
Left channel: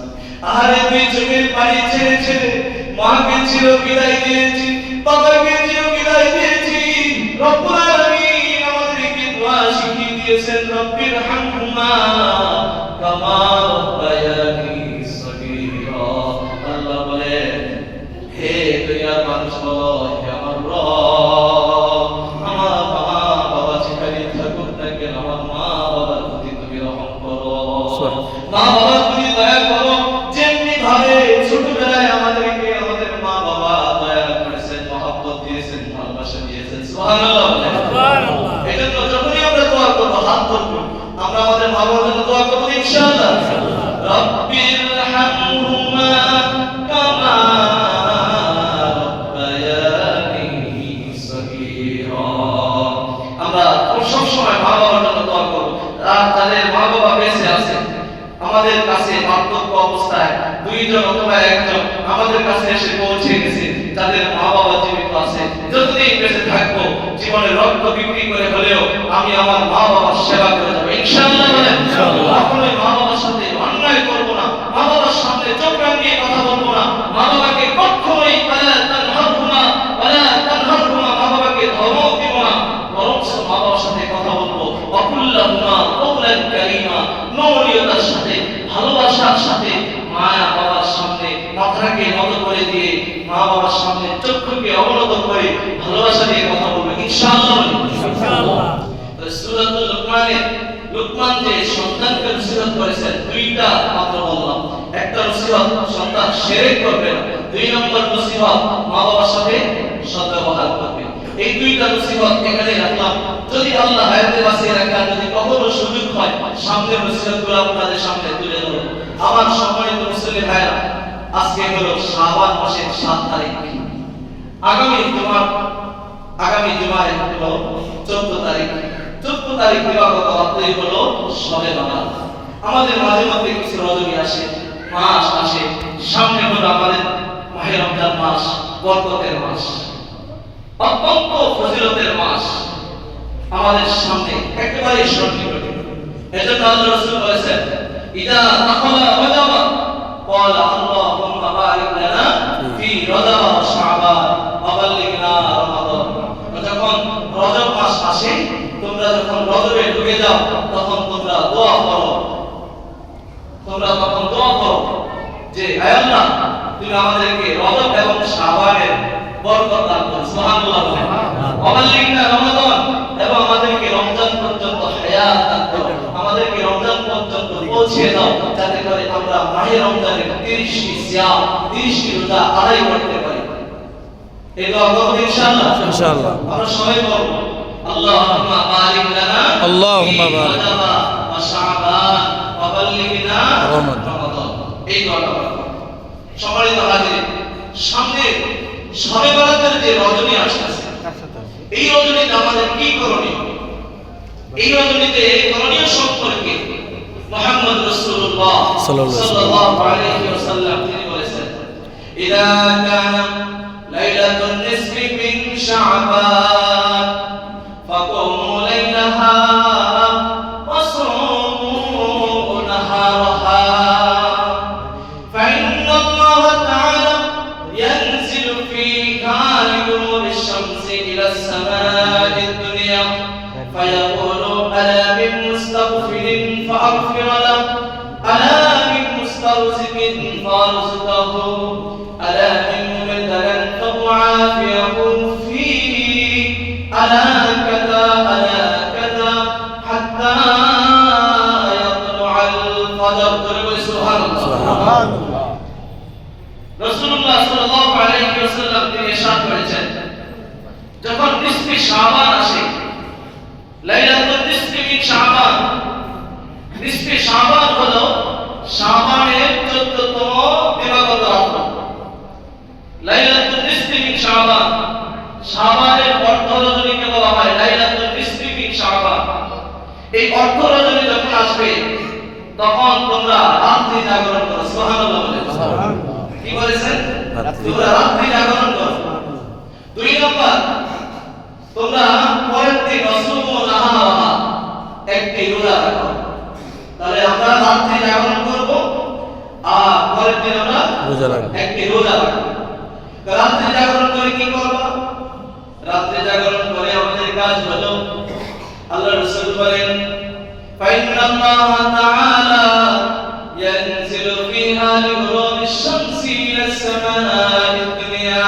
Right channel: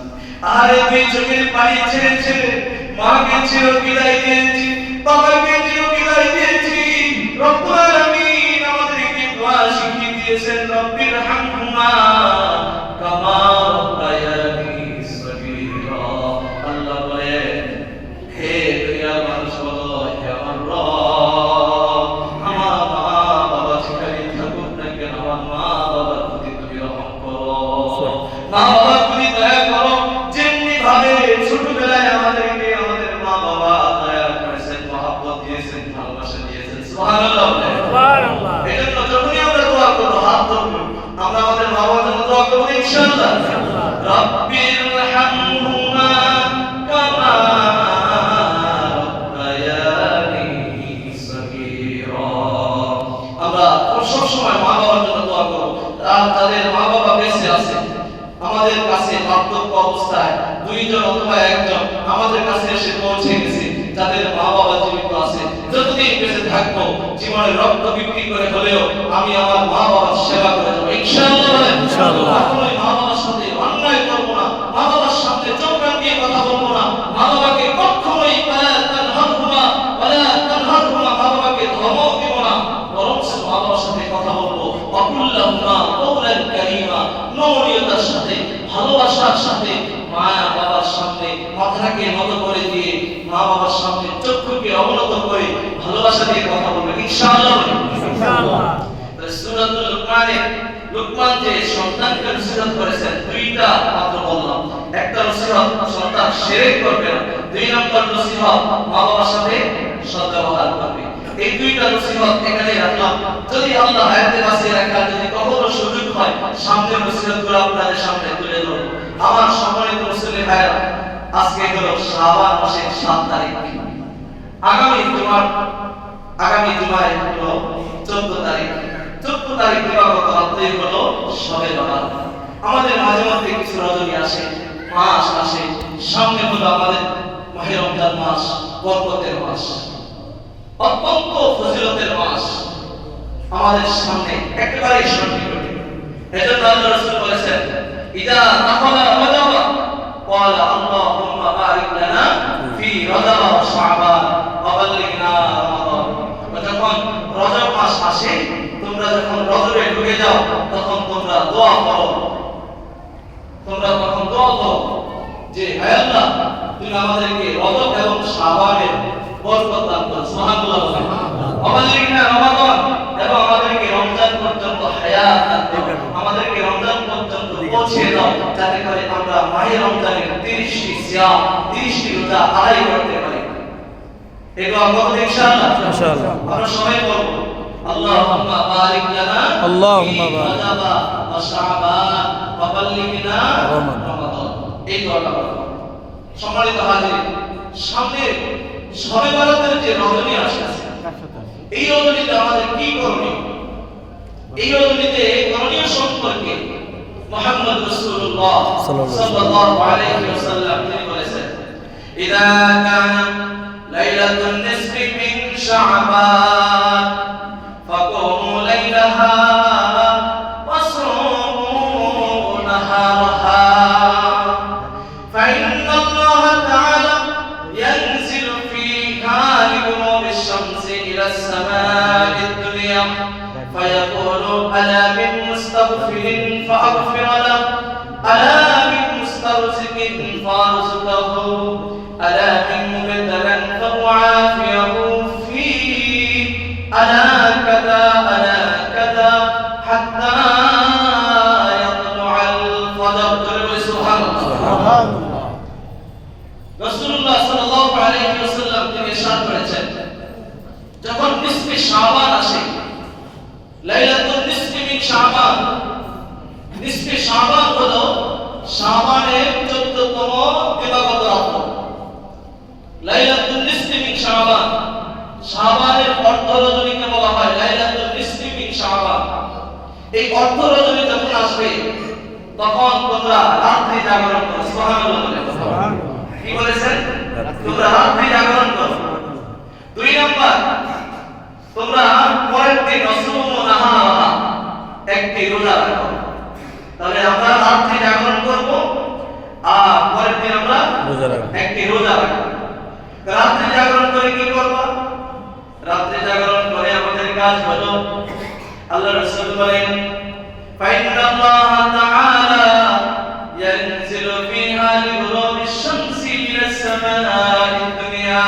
আরে দুই চোখের পানি ছেড়ে ছেড়ে মাকে চির বিদায় দিয়েছি, বাবাকে চির বিদায় দিয়েছি। রব্বুল আলামিন আমাদেরকে দোয়া শিখিয়ে দিয়েছেন, রব্বির হামহুমা কামা রাব্বায়ানি সগীরা। আল্লাহ বলেন, হে দুনিয়ার মানুষ বলো, হে আমার রব, আমার মা বাবা যেখানে থাকুক না কেন, আমার মা বাবার প্রতি তুমি রহম করো, মা বাবার প্রতি দয়া করো। যেমনি ভাবে ছোটবেলায় আমাদেরকে আমাদের মা বাবা দয়া করেছেন, মহব্বত দিয়েছেন, ভালোবাসা দিয়েছেন। সুবহানাল্লাহ বলেন। সুবহানাল্লাহ। এজন্য যখনই আমরা দোয়া করব, হাত ধরবো, আমরা আমাদের মা বাবার জন্য দোয়া করব ইনশাআল্লাহ। রব্বির হামহুমা কামা রাব্বায়ানি সগীরা। আমরা সব সময় মা বাবার জন্য দোয়া করব। আর তাদের মা বাবা বেঁচে আছে, আমাদের কাছে বার্ধক্য অবস্থায় দুইজন অথবা একজন আমাদের কাছে এসে পৌঁছে গেছে, তাদের মা বাবা জীবিত আছে, যতদিন বেঁচে থাকবো জীবনে রক্ত বিক্রি করে হলেও আমি আমার মা বাবার সেবা করে যাবো ইনশাআল্লাহ। বলেন ইনশাআল্লাহ। কখনোই মা বাবার সাথে অন্যায় করবো না, মা বাবার সামনে চোখ রাঙিয়ে কথা বলবো না, মা বাবাকে কখনোই মা বাবাকে ধমক দিব না, বরং মা বাবার সাথে কথা বলবো অকুল্লাহুমা কওলান কারীমা, নমনীয়তার সাথে, ভালোবাসার সাথে, মায়া বাবার সামনে মাথাকে নত করে দিয়ে, মা বাবার সামনে চক্ষুকে অবনত করে ভালোবাসা দিয়ে কথা বলবো ইনশাআল্লাহ। ইনশাআল্লাহ। সূরাতুল লুকমান যে সন্তানকে নসিহত করেছেন, দুইটা মাত্র বললাম। একটা নসিহত সন্তান শিরক করবে না, দুই নম্বর নসিহত মা বাবার সাথে সদ্ব্যবহার করবে। এই দুইটা নসিহত এখানে রাখলাম। যদি আল্লাহ হায়াতে বাঁচিয়ে রাখা, যদি কখনো সুযোগ হয়, সামনে নসিহতগুলো আপনাদের সামনে তুলে ধরব। আমার সম্মানিত মুসলিম ভাইরা, আজকে হলো শাবান মাসের 7 তারিখ। আগামী জুমায় হলো 14 তারিখ। 14 তারিখ দিবাগত রাত্রে হলো শবে বরাত। আমাদের মাঝে মধ্যে কিছু রজনী আসে, মাস আসে, সামনে হলো আমাদের মাহে রমজান মাস, বরকতের মাস, অত্যন্ত ফজিলতের মাস আমাদের সামনে একেবারে সন্নিকটে। এজন্য আল্লাহ রাসূল বলেছেন, ইদা দাখালা রজব ক্বালা আল্লাহুম্মা বারিক লানা ফি রজব ওয়া শাবান ওয়া বাল্লিগনা রমাদান। যখন রজব মাস আসে, তোমরা যখন রজবে ঢুকে যাও, তখন তোমরা দোয়া করো, যে হে আল্লাহ, তুমি আমাদেরকে রজব এবং শাবানের বরকত দান করো। সুবহানাল্লাহ। ওয়াবাল্লিগনা রমাদান, এবং আমাদেরকে রমজান পর্যন্ত হায়াত দান করো, আমাদেরকে রমজান পর্যন্ত পৌঁছে দাও, যাতে করে আমরা মাহে রমজানের 30টি সিয়াম, 30টি রোজা আদায় করতে পারি। এই দোয়া করব ইনশাআল্লাহ। ইনশাআল্লাহ। আমরা সবাই বলবো, আল্লাহুম্মা বারিক লানা আল্লাহুম্মা বারিক ওয়া শাবান ওয়া বাল্লিগনা রমাদান। এই দোয়াটা করব। সম্মানিত হাজির, সামনে শবে বরাতের যে রজনী আসছে, এই রজনীতে আমাদের কি করণীয়? এই রজনীতে করণীয় সম্পর্কে মুহাম্মদ রাসূলুল্লাহ সাল্লাল্লাহু আলাইহি ওয়াসাল্লাম তিনি বলেছেন, ইযা কানা লাইলাতুন নিসফি মিন শাবান ফাকুমু লাইলাহা وصوموا نهارها فإن الله تعالى ينزل فيها لغروب الشمس إلى السماء الدنيا فيقول ألا من مستغفر فأغفر له ألا من مسترزق فأرزقه ألا من مبتلى فأعافيه فيه ألا كذا ألا كذا حتى يطلع الفجر. سبحان الله. রাসূলুল্লাহ সাল্লাল্লাহু আলাইহি ওয়াসাল্লাম তিনি ইরশাদ করেছেন, যখন নিসফে শাবান আসে, লাইলাতুন নিসফি মিন শাবান, নিসফে শাবান হলো শাবানের 14তম দিবাগত রাত। লাইলাতুন নিসফি মিন শাবান, শাবানের অর্ধ রজনীকে বলা হয় লাইলাতুন নিসফি মিন শাবান। এই অর্ধ রজনী যখন আসবে তখন তোমরা রাত্রি জাগরণ করো। সুবহানাল্লাহ বলেন। কি বলেছেন? তোমরা রাত্রি জাগরণ করো। 2 নাম্বার, তোমরা পরের দিন রসুম নাহারা একটি রোজা রাখো। তাহলে আমরা রাত্রি জাগরণ করব আর পরের দিন আমরা রোজা রাখব, একটি রোজা রাখব। রাত্রি জাগরণ করে কি করব? রাত্রি জাগরণ করে আমাদের কাজ হলো, আল্লাহ রাসূল বলেন, ফাইন্নাল্লাহ তাআলা ইয়ানজিলু ফিহা লিগুরুবিশ শামসি ইলাস সামাa'id দুনিয়া।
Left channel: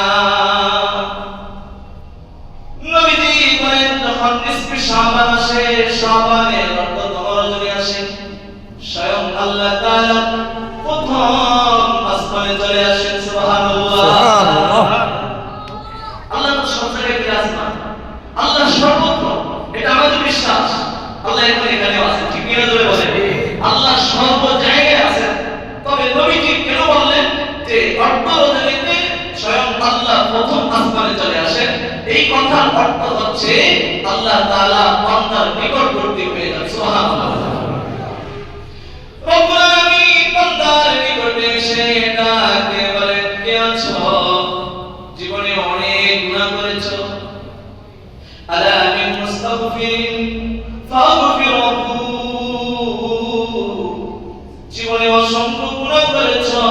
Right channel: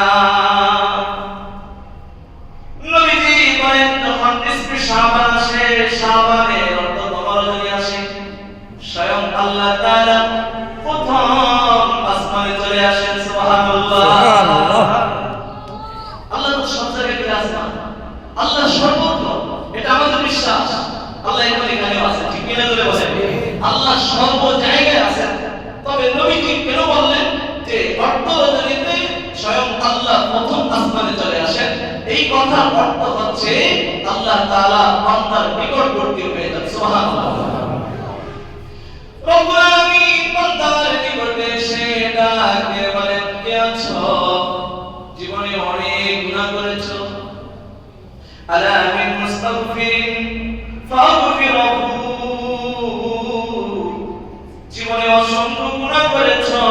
নবীজি বলেন, যখন নিসফে শাবান আসে, শাবানের অর্ধতম রজনী আসে, স্বয়ং আল্লাহ তাআলা প্রথম আসমানে চলে আসেন। সুবহানাল্লাহ। সুবহানাল্লাহ। আল্লাহ তো সব জায়গায় বিরাজমান, আল্লাহ সর্বত্র, এটা আমাদের বিশ্বাস। আল্লাহ এখানেও আছেন, ঠিক কিনা ধরে বলেন? আল্লাহ সর্ব জায়গায় আছেন। তবে নবীজি কেন বললেন যে অর্ধ রজনীতে স্বয়ং আল্লাহ প্রথম আসমানে চলে আসেন? এই কথার অর্থ হচ্ছে আল্লাহ তাআলা বান্দার নিকটবর্তী হয়ে যান। সুবহানাল্লাহ। রব্বুল আলামিন বান্দার নিকটে এসে ডাকে বলেন, কে আছো? জীবনে অনেক গুনাহ করেছো, আলা মিন মুস্তাগফিরিন ফাগফিরহু, জীবনে অসংখ্য গুনাহ করেছো,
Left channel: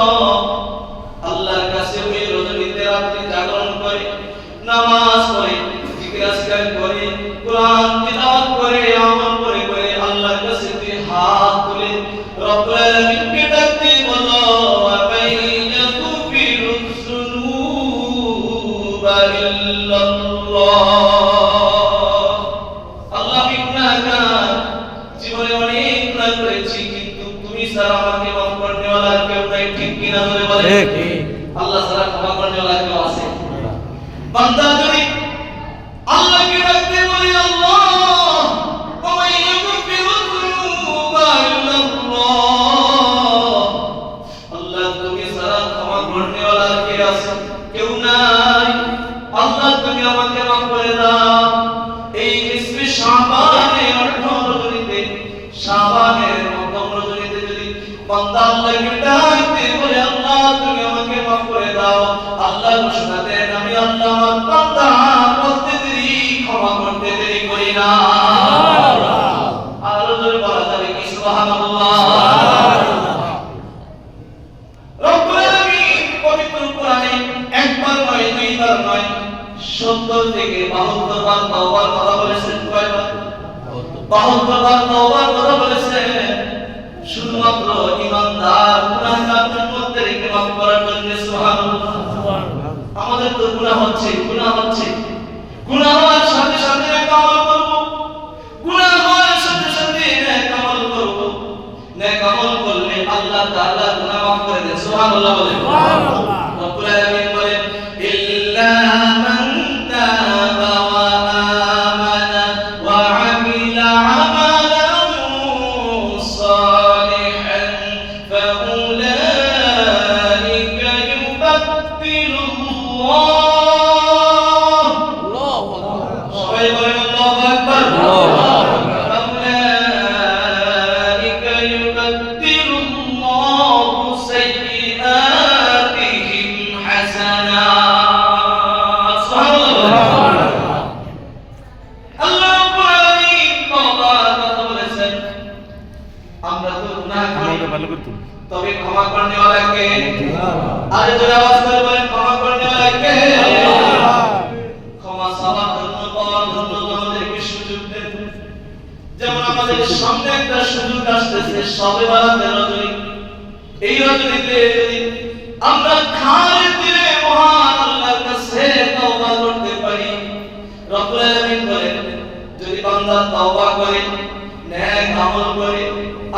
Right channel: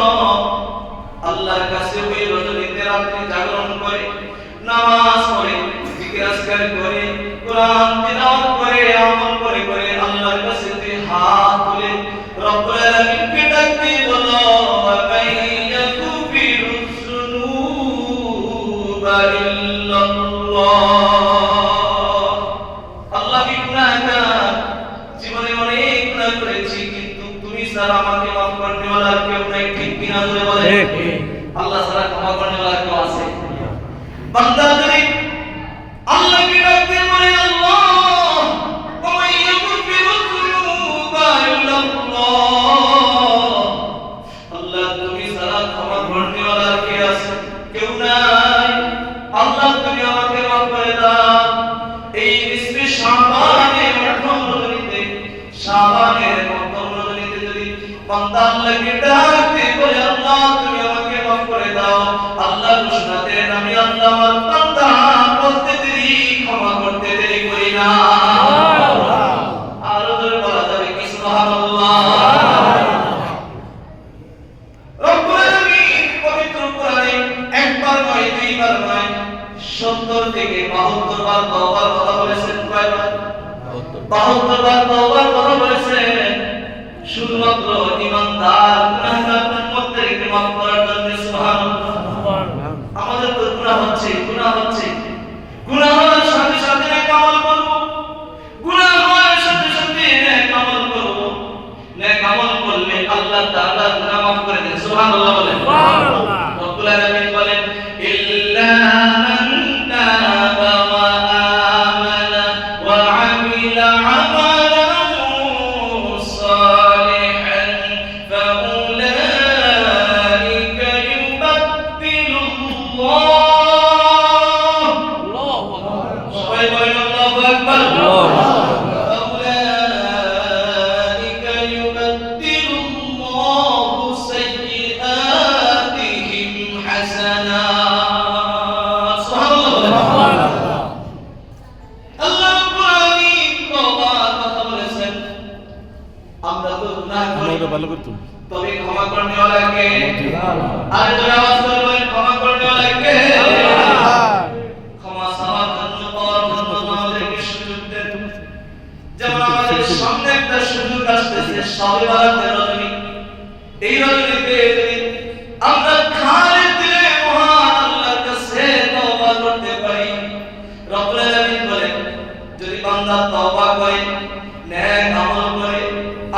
আল্লাহর কাছে ওই রজনীতে রাত্রি জাগরণ করে, নামাজ পড়ে, জিকির আজকার করে, কোরআন তিলাওয়াত করে, আমল করে করে আল্লাহর কাছে তুই হাত তুলে রব্বুল আলামিনকে ডাকতে বলো, ওয়া মাইয়াকুফিরুজ যুনুবা ইল্লাল্লাহ। আল্লাহ গুনাহগার, জীবনে অনেক গুনাহ করেছি, কিন্তু তুমি ছাড়া আমাকে মাফ করতে ওয়ালা কেউ নাই। ঠিক কিনা ধরে বলেন? আল্লাহ ছাড়া ক্ষমা করতে ওয়ালা কেউ আছে? বান্দা যদি আল্লাহকে ডাকতে বলে, আল্লাহ ওয়া মাইয়াকুফিরুজ যুনুবা ইল্লাল্লাহ, আল্লাহ তুমি ছাড়া ক্ষমা করতে ওয়ালা কে আছে? কেউ নাই। আল্লাহ তুমি আমাকে মাফ করে দাও। এই নিসফে শাবানের অর্ধ রজনীতে, শাবানের প্রথম রজনীতে যদি বান্দা আল্লাহকে ডাকতে বলে, আল্লাহ তুমি আমাকে মাফ করে দাও, আল্লাহ ঘোষণা দেন, আমি আল্লাহ আমার বান্দা বলতে দেরি, ক্ষমা করতে দেরি করি না। আরো জোরে বলা যাবে কি? সুবহানাল্লাহ। রব্বুল আলামিন পবিত্র কোরআনে একবার নয়, দুইবার নয়, 70 থেকে 72 বার তওবার কথা বলেছেন। কয়বার? 72 বার তওবার কথা বলেছেন, শুধুমাত্র ঈমানদার গুনাহগারদের মধ্যে রেখে মাফ করার জন্য। সুবহানাল্লাহ। আমাদের তো গুনাহ হচ্ছে, গুনাহ হচ্ছে, গুনাহ হওয়ার সাথে সাথে নেক আমল করব, গুনাহ হওয়ার সাথে সাথে নেক আমল করব। নেক আমল করলে আল্লাহ তাআলা গুনাহ মাফ করে দেন। সুবহানাল্লাহ বলেন। সুবহানাল্লাহ। রব্বুল আলামিন বলেন, ইল্লা মান তাবা ওয়া আমানা ওয়া আমিলা আমালান সালিহান ফাউলাইকা আল্লাহু আকবার। আল্লাহু আকবার। ফাউলাইকা ইউবাদদিলুল্লাহু সাইয়্যাতিহিম হাসানাত। সুবহানাল্লাহ। আল্লাহ রাব্বুল আলামিন তওবার কথা বলেছেন। আমরা তো গুনাহ করি, ভালো করতো। তবে ক্ষমা করনে वाला কে? আর যারা আওয়াজ করে বলেন ক্ষমা করনে वाला কে? ক্ষমা চাওয়ার জন্য, পাওয়ার জন্য আমাদেরকে সুযোগ দেন। যেমন আমাদের সামনে একটা সুযোগ আসতেছে, শবে বরাতের রজনী। এই রজনীতে যদি আমরা খালেদ দিলে মহান আল্লাহর কাছে তওবা করতে পারি, রব্বুল আলামিন বলেন যদি বান্দা তওবা করে, নেক আমল করে,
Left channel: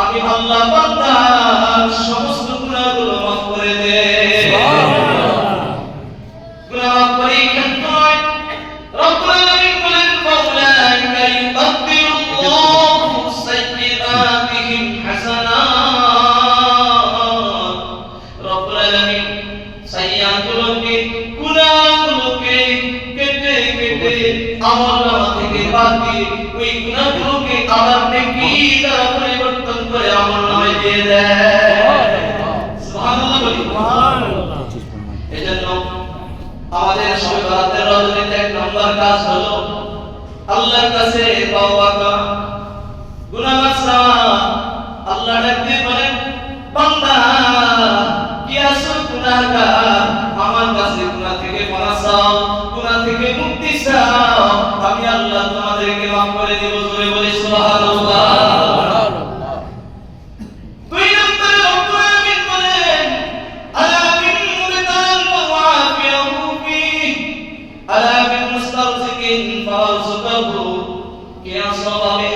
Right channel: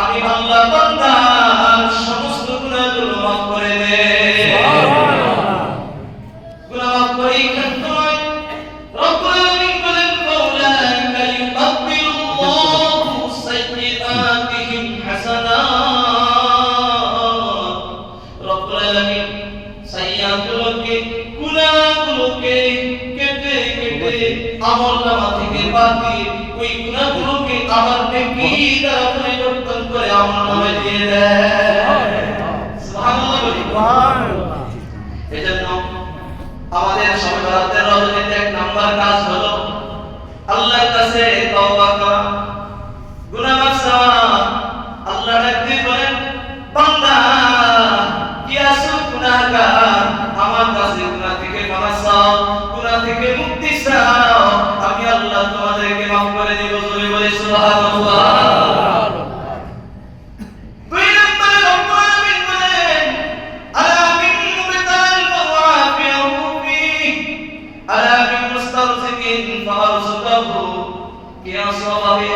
আমি আল্লাহ বান্দার সমস্ত গুনাহগুলো মাফ করে দেই। গুনাহ মাফ করে কিন্তু নয়, রব্বুল আলামিন বলেন ফাউলাইকা ইউবাদদিলুল্লাহু সাইয়্যাতিহিম হাসানাত। রব্বুল আলামিন সাইয়্যাতগুলোকে, গুনাহগুলোকে কেটে কেটে আমলনামা থেকে বাদ দিয়ে ওই গুনাহগুলোকে আবার নেকি দ্বারা পরিবর্তন করে আমলনামায় দিয়ে দেয়। সুবহানাল্লাহ বলি। এজন্য আমাদের শবে বরাতের রজনীতে এক নাম্বার কাজ হলো আল্লাহর কাছে তওবা করা, গুনাহ মাফ চাওয়া। আল্লাহ ডাকতে বলেন বান্দা কি আছো গুনাহগার, আমার কাছে গুনাহ থেকে ক্ষমা চাও, গুনাহ থেকে মুক্তি চাও, আমি আল্লাহ তোমাদেরকে মাফ করে দেব। জোরে বলি সুবহানাল্লাহ। দুই নম্বরে রব্বুল আলামিন বলেন আলা মিন মুবতাল ওয়াফিয়াহু ফি আলা মিন মুস্তারজিকিন ফারযুকাহু। কে আসবে,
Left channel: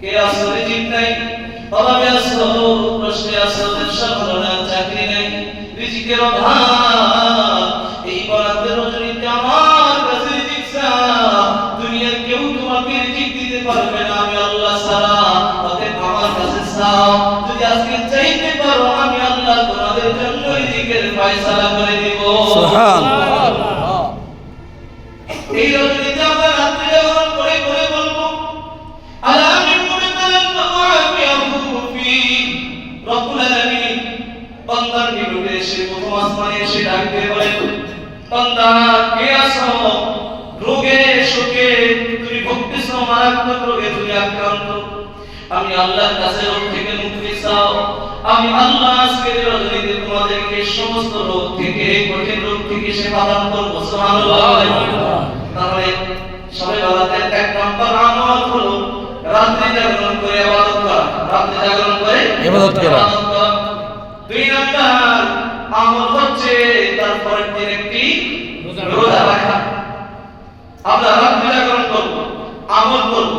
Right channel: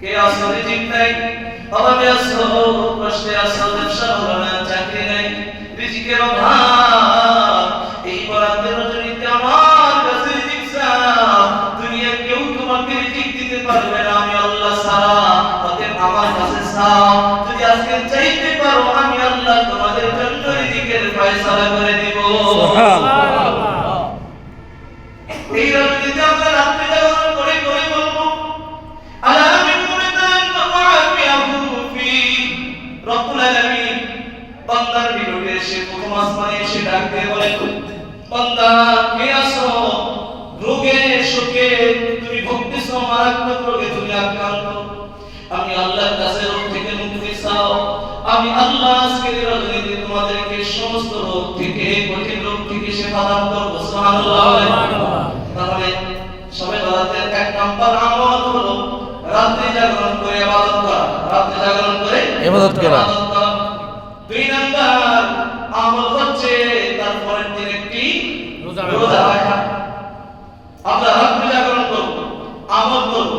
কে আসলে ঠিক নাই, অভাবে আসো, কষ্টে আসো, ব্যবসা ভালো না, চাকরি নেই, রিজিকের অভাব। এই বরাতের রজনীতে আমার কাছে রিজিক চাও, দুনিয়ার কেউ তোমাকে রিজিক দিতে পারবে না, আমি আল্লাহ ছাড়া। অতএব আমার কাছে চাও, যদি আজকে চাইতে পারো আমি আল্লাহ তোমাদের জন্য রিজিকের ফয়সালা করে দিব। সুবহানাল্লাহ। এই রজনীতে আমরা রাত্রি জাগরণ করে করে বলবো আলা মিন মুবতাল ওয়াফিয়াহু ফি। রব্বুল আলামিন বান্দার নিকটে এসে প্রথম আসমানে এসে ডাক দিয়ে বলেন বান্দা কে আছো, রোগে শোকে তুমি ভুগতেছো, মারাত্মক রোগে তুমি আক্রান্ত, আমি আল্লাহর কাছে রোগ থেকে মুক্তি চাও। আমি আল্লাহ আজকে রজনীতে তোমাদেরকে সমস্ত রোগ থেকে, কঠিন রোগ থেকে সেবা দান করব। সুবহানাল্লাহ। তাহলে শবে বরাতের এক নাম্বার আমল হলো রাত্রি জাগরণ করে ইবাদত করা, রাত্রি জাগরণ করে ইবাদত করা। দুই নাম্বার আমল হচ্ছে তার পরের দিন একটি রোজা রাখা। আমরা রাত্রি জাগরণ করব, আমল করব,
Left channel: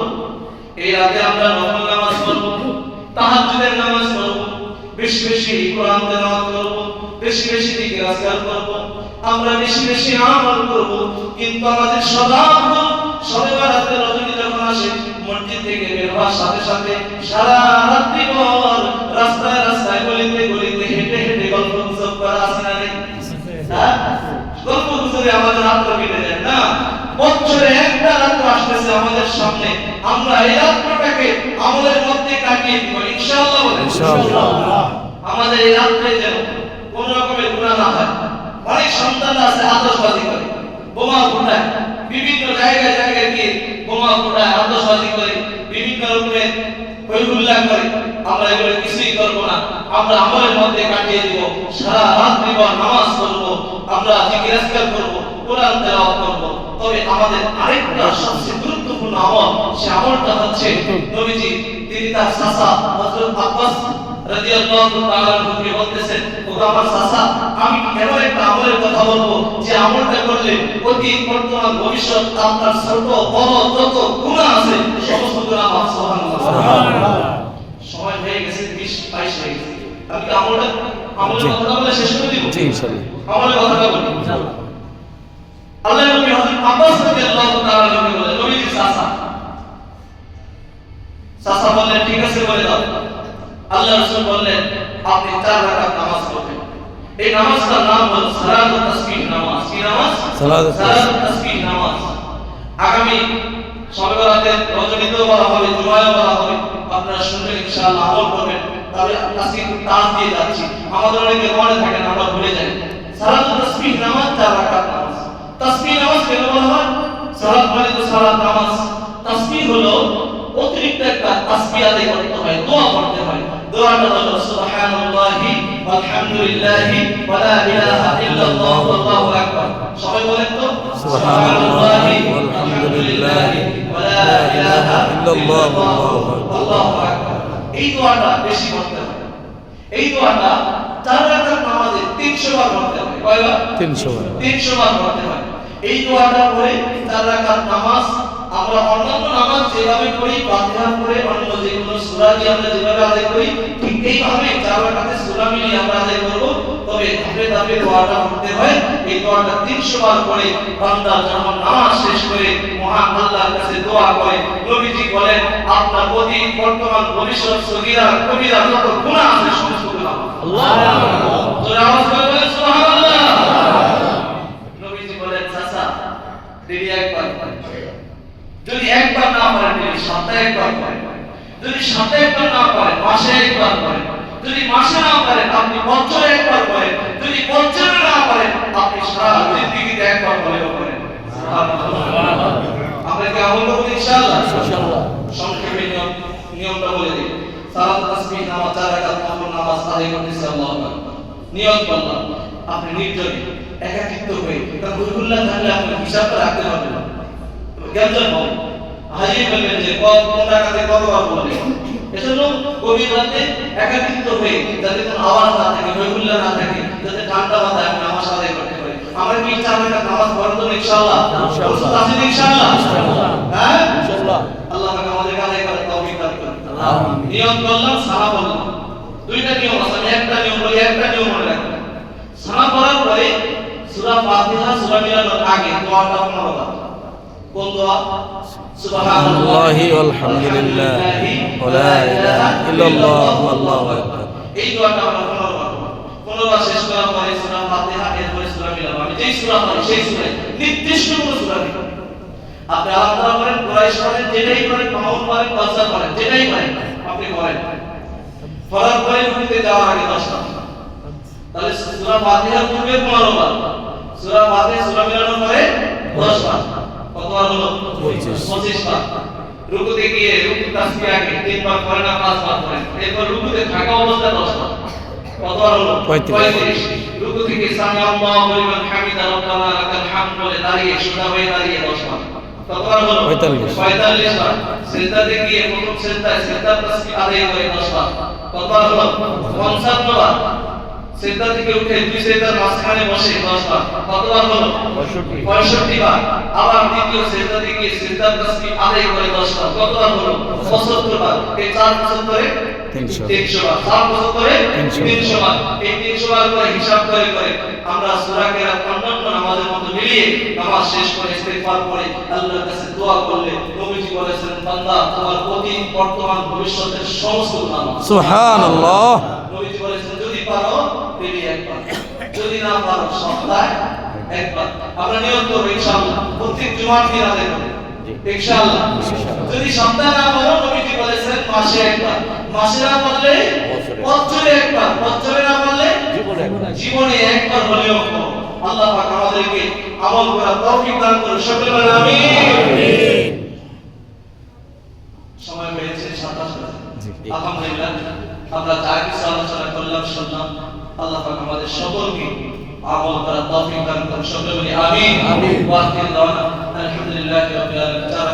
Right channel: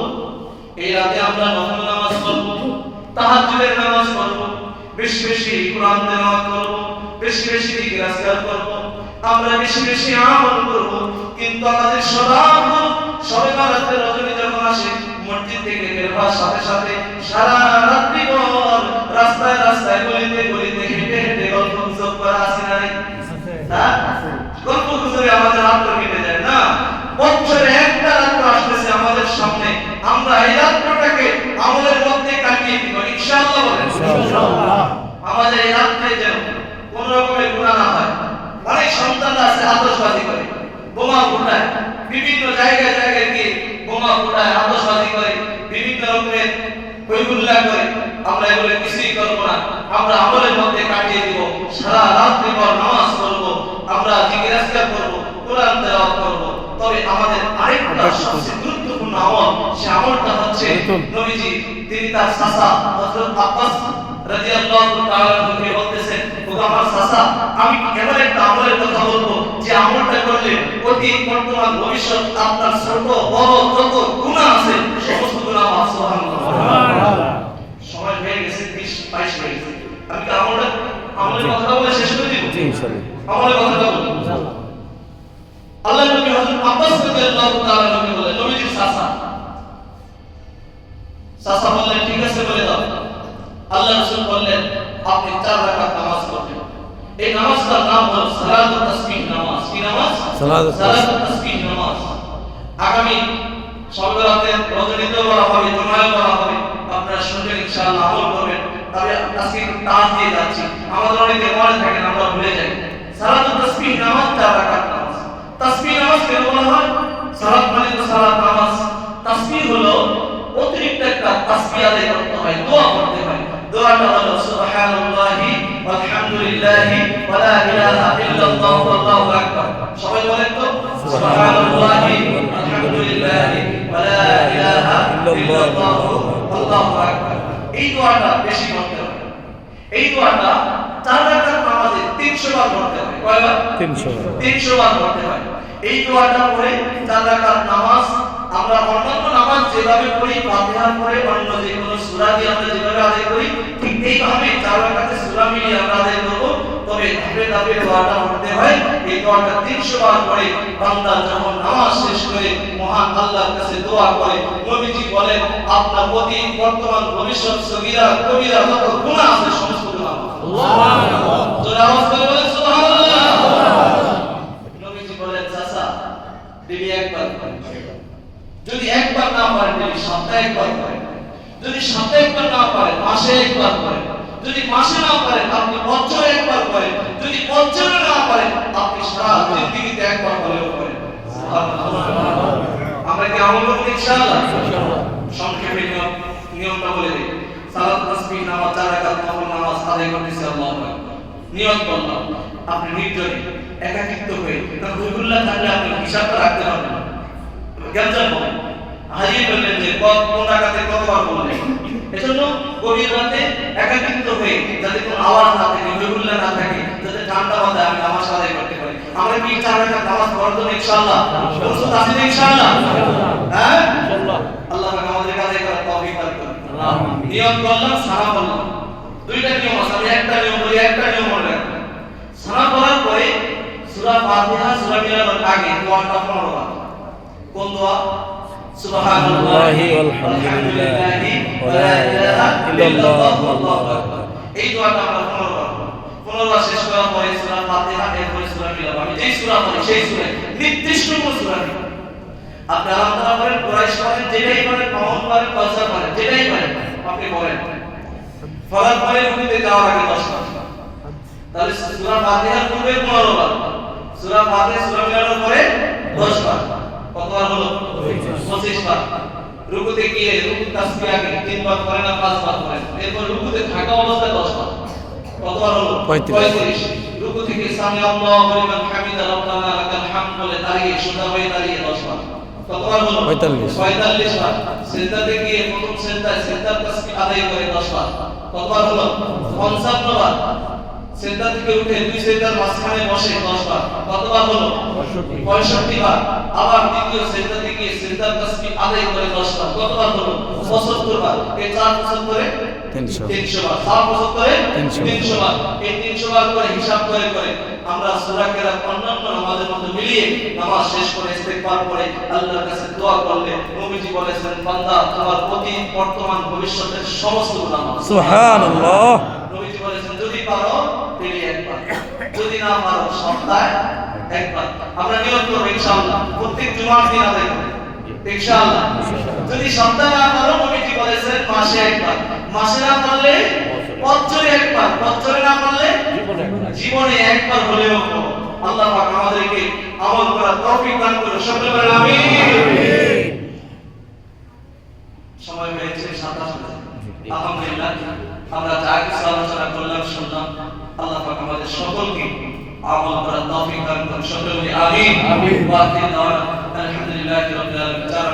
এই রাতে আমরা নফল নামাজ পড়ব, তাহাজ্জুদের নামাজ পড়ব, বেশি বেশি কোরআন তেলাওয়াত করব, বেশি বেশি জিকির আজকার করব, আমরা বেশি বেশি আমল করব। কিন্তু আমাদের স্বভাব হলো শবে বরাতের রজনী যখন আসে, মসজিদ থেকে বের হওয়ার সাথে সাথে সারা রাত্রি ভর রাস্তায় রাস্তায় গলিতে গলিতে হেঁটে হেঁটে গল্প গুজব করা আছে না নেই? হ্যাঁ, গল্প গুজবে আমাদের রাত্র কেটে যায় না। বছরে একটা রাত্র আসতেছে আমাদের সামনে, আমরা এই রাত্রটাকে আমাদের মধ্যে কাটিয়ে দিব ইনশাআল্লাহ। ইনশাআল্লাহ। আমাদের এই রাত্রে যেন কোন রকমের গুনাহ না হয়। অনেক সন্তানরা আছে আতশবাজি করে, বোমা ফুটায়, বিভিন্ন জায়গায় জায়গায় গিয়ে বোমা ফুটায়, আতশবাজি করে, বিভিন্ন রকমের হইহুল্লাহ করে। আমরা এগুলো কিছুই করবো না, আমরা আমলের মধ্যে কাটিয়ে দিব। সারা রাত্রি ভর নামাজ পড়বো, আমরা জিকির আজকার করবো, কোরআন তেলাওয়াত করবো। তবে আমাদের আরেকটা সবচেয়ে গুরুত্বপূর্ণ আমল, সে আমলটা হচ্ছে নবীজি তিনি তার চাচা হযরত আব্বাস রাদিয়াল্লাহু তাআলা আনহুকে বলতেছেন, ওগো আমার চাচা, আমি এমন একটা আমলের কথা বলবো যে আমলটা করলে অতীত বর্তমান ভবিষ্যৎ আপনার ছোট বড় যত গুনাহ আছে সমস্ত গুনাহ মাফ। সুবহানাল্লাহ। সময় হয়ে গেছে, 20-22 হয়ে গেছে। আমি কি আমলের কথা বলে শেষ করে দিব? জি ইনশাআল্লাহ। আমলের কথা বলি ইনশাআল্লাহ। আল্লাহ নবী হযরত আব্বাস রাদিয়াল্লাহু তাআলা আনহু বলে, নবীজি চাচা বললেন ঠিক আছে বলে দাও। আল্লাহ রাসূল বললেন আপনি 4 রাকাত নামাজ পড়বেন। এই নামাজটার নাম হলো সালাতুত তাসবিহ নামাজ। কি নামাজ? সালাতুত তাসবিহ নামাজ। আগামী সবে রাতে রজনীতেও বলা হবে, জুমায়ও বলা হবে। আপনারা শুনবেন, ইনশাআল্লাহ আমল করবেন। তবে আজকে একটু টান দিয়ে যাচ্ছি, আমাদের অনেকে মনে থাকে না, আমরা ভুলে যাই। সালাতুত তাসবিহ নামাজ 4 রাকাত নামাজ। তাসবিহ নামাজ কেন বলা হয়? সালাত মানে তো সালাত নামাজ। তাসবিহ হলো অতিরিক্ত একটা তাসবিহ আদায় করতে হয়, দোয়া করতে হয়। দোয়াটা হলো সুবহানাল্লাহি ওয়ালহামদুলিল্লাহি ওয়া লা ইলাহা ইল্লাল্লাহ ওয়াল্লাহু আকবার। সবাই বলেন তো, সুবহানাল্লাহি ওয়ালহামদুলিল্লাহি ওয়া লা ইলাহা ইল্লাল্লাহ ওয়াল্লাহু আকবার। এই দোয়াটা বেশি করতে হয়। এই দোয়াটা 4 রাকাত নামাজে 300 বার করতে হয়। কয়বার? 300 বার। 300 বার করতে হয়। এই দোয়াটা পড়ে 4 রাকাত নামাজ আমরা অন্যান্য নামাজ যেভাবে করি, ফাতিহা পড়ে অন্য যে কোনো সূরা দিয়ে আমরা যেভাবে আদায় করি, ঠিক এইভাবে 4 রাকাতে সূরা মিলিয়ে আমরা আদায় করব। তবে ধাপে ধাপে দোয়াটা পড়তে হয়। এই দোয়াটা 300 বার পড়ে বান্দা যখন নামাজ শেষ করে মহান আল্লাহর কাছে দোয়া করে, নবীজি বলেন, আপনার প্রতি বর্তমান ভবিষ্যৎ সগীরা কবিরা যত গুনাহ আছে সমস্ত গুনাহ আল্লাহ। তোরা আওয়াজ করে বলেন সুবহানাল্লাহ। নবীজি বলেন, চাচা ডেলি একবার করেন। যদি একবার না পারেন, ডেলি সপ্তাহে একবার করেন। যদি সপ্তাহে একবার না পারেন, মাসে একবার করেন। যদি মাসে না পারেন, আপনি বছরে একবার করেন। যদি বছরে না পারেন, আপনি সারা জিন্দেগিতে একবার হলেও করেন। সুবহানাল্লাহ। আমরা কি আমল করব ইনশাআল্লাহ? সংক্ষেপে নিয়মটা বলে দিই। সালাত তাসবিহ নামাজ 4 রাকাত নফল নামাজ আদায় করতেছি, আল্লাহু আকবার। নিয়ত করলাম, আপনি নির্জনে একাকিত্ব হয়ে, কারণ রুহুল্লাহ থাকলে আপনি হিসাবটা রাখতে পারবেন না। গঞ্জাম হবে, হারিয়ে ফেলবেন যে কোন রাকাতে কতবার বলবেন। এজন্য গভীর রাতে একাকিত্ব হয়ে, যাতে কোনো আওয়াজ না থাকে, রুহুল্লাহ না থাকে, যাতে ঠান্ডা মাথায় আমি নামাজ আদায় করতে পারি। আমরা কি 4 রাকাত নামাজ পড়ব ইনশাআল্লাহ? প্রস্তুত আছেন ইনশাআল্লাহ? হ্যাঁ ইনশাআল্লাহ। আল্লাহ পাক আমাদের আদায় করার তৌফিক দান করুন। আমিন। নিয়ত করলাম, সানা বললাম। দুইটা নিয়ম আছে, আমি একটা নিয়ম বলি, একটা নিয়ম মনে রাখবেন। সানা করার পরে সূরা ফাতিহা সূরা মিলানোর আগে দোয়াটা 15 বার। কোন দোয়া? সুবহানাল্লাহি ওয়ালহামদুলিল্লাহি ওয়া লা ইলাহা ইল্লাল্লাহ ওয়াল্লাহু আকবার। এই দোয়াটা আমরা 15 বার। 15 বার শেষ করার পরে সূরা ফাতিহা এরপরে সূরা মিলানো। আমি যেই সূরা পড়ি সেই সূরা, নির্দিষ্ট কোন সূরা নেই। আপনি আল্লাহ করেন, কুরাইশ করেন, যেটাই করেন, মামুন করেন, কাউসার করেন, যেটাই করেন আপনি করেন। ফরজ করে রুকুতে যাওয়ার আগে 10 বার। তাহলে সূরা ফাতিহার পূর্বে 15 বার, সূরা ফাতিহা সূরা মিলানোর পরে 10 বার। কতবার হলো? 25 বার। রুকুতে গিয়ে রুকু তাসবিহ আগে 3 বার করেন না 5 বার করেন। এরপর রুকুতে থাকা অবস্থায় 10 বার। কতবার হলো? 35। রুকু থেকে সামি আল্লাহু লিমান হামিদা রাব্বানা লাকাল হামদ বলে দাঁড়িয়ে সোজা হয়ে দাঁড়িয়ে 10 বার। কতবার হলো? 45 বার। সিজদাতে গিয়ে প্রথম সিজদায় সিজদার তাসবিহ আদায় করে 10 বার। কতবার হলো? 55 বার। সিজদা থেকে উঠে দুই সিজদার মাঝখানে বসে 10 বার। কতবার হলো? 65 বার। আবার দ্বিতীয় সিজদাতে গিয়ে সিজদার তাসবিহ আদায় করে 10 বার। কতবার হলো? 75 বার। এই 4 75 300 বার। 4 75 300 বার। এই 300 বার করে হিসাব করে আমরা সূরা কেরাত অন্যান্য নামাজের মতো মিলিয়ে নামাজ শেষ করে ইস্তিগফার করে আল্লাহর কাছে দোয়া করলে নবীজি বলেছেন, বান্দা তোমার অতীত বর্তমান ভবিষ্যতের সমস্ত গুনাহ মাফ। সুবহানাল্লাহ। নবীজি বলেছেন, যদি পারো ডেইলি একবার, যদি না পারো সপ্তাহে একবার। আমরা নিয়ত করব ইনশাআল্লাহ প্রত্যেক জুমার দিন আদায় করব ইনশাআল্লাহ। যদি সপ্তাহে না পারো, নবীজি বলেছেন মাসে একবার, মাসে না পারলে বছরে একবার, বছরে না পারলে জীবনে একবার হলেও করো। আল্লাহ পাক আমাদেরকে আমল করার তৌফিক দান করুন। সকলে বলেন আমিন। সময় হয়েছে 27 মিনিট। আলহামদুলিল্লাহ, আমরা যা কিছু আলোচনা করলাম শুনলাম, আল্লাহ পাক আমাদের সকলকে আমল করার তৌফিক দান করুন। সকলে বলি আমিন। আমিন। ওয়া আখির দাওয়ানা আলহামদুলিল্লাহি রাব্বিল আলামিন।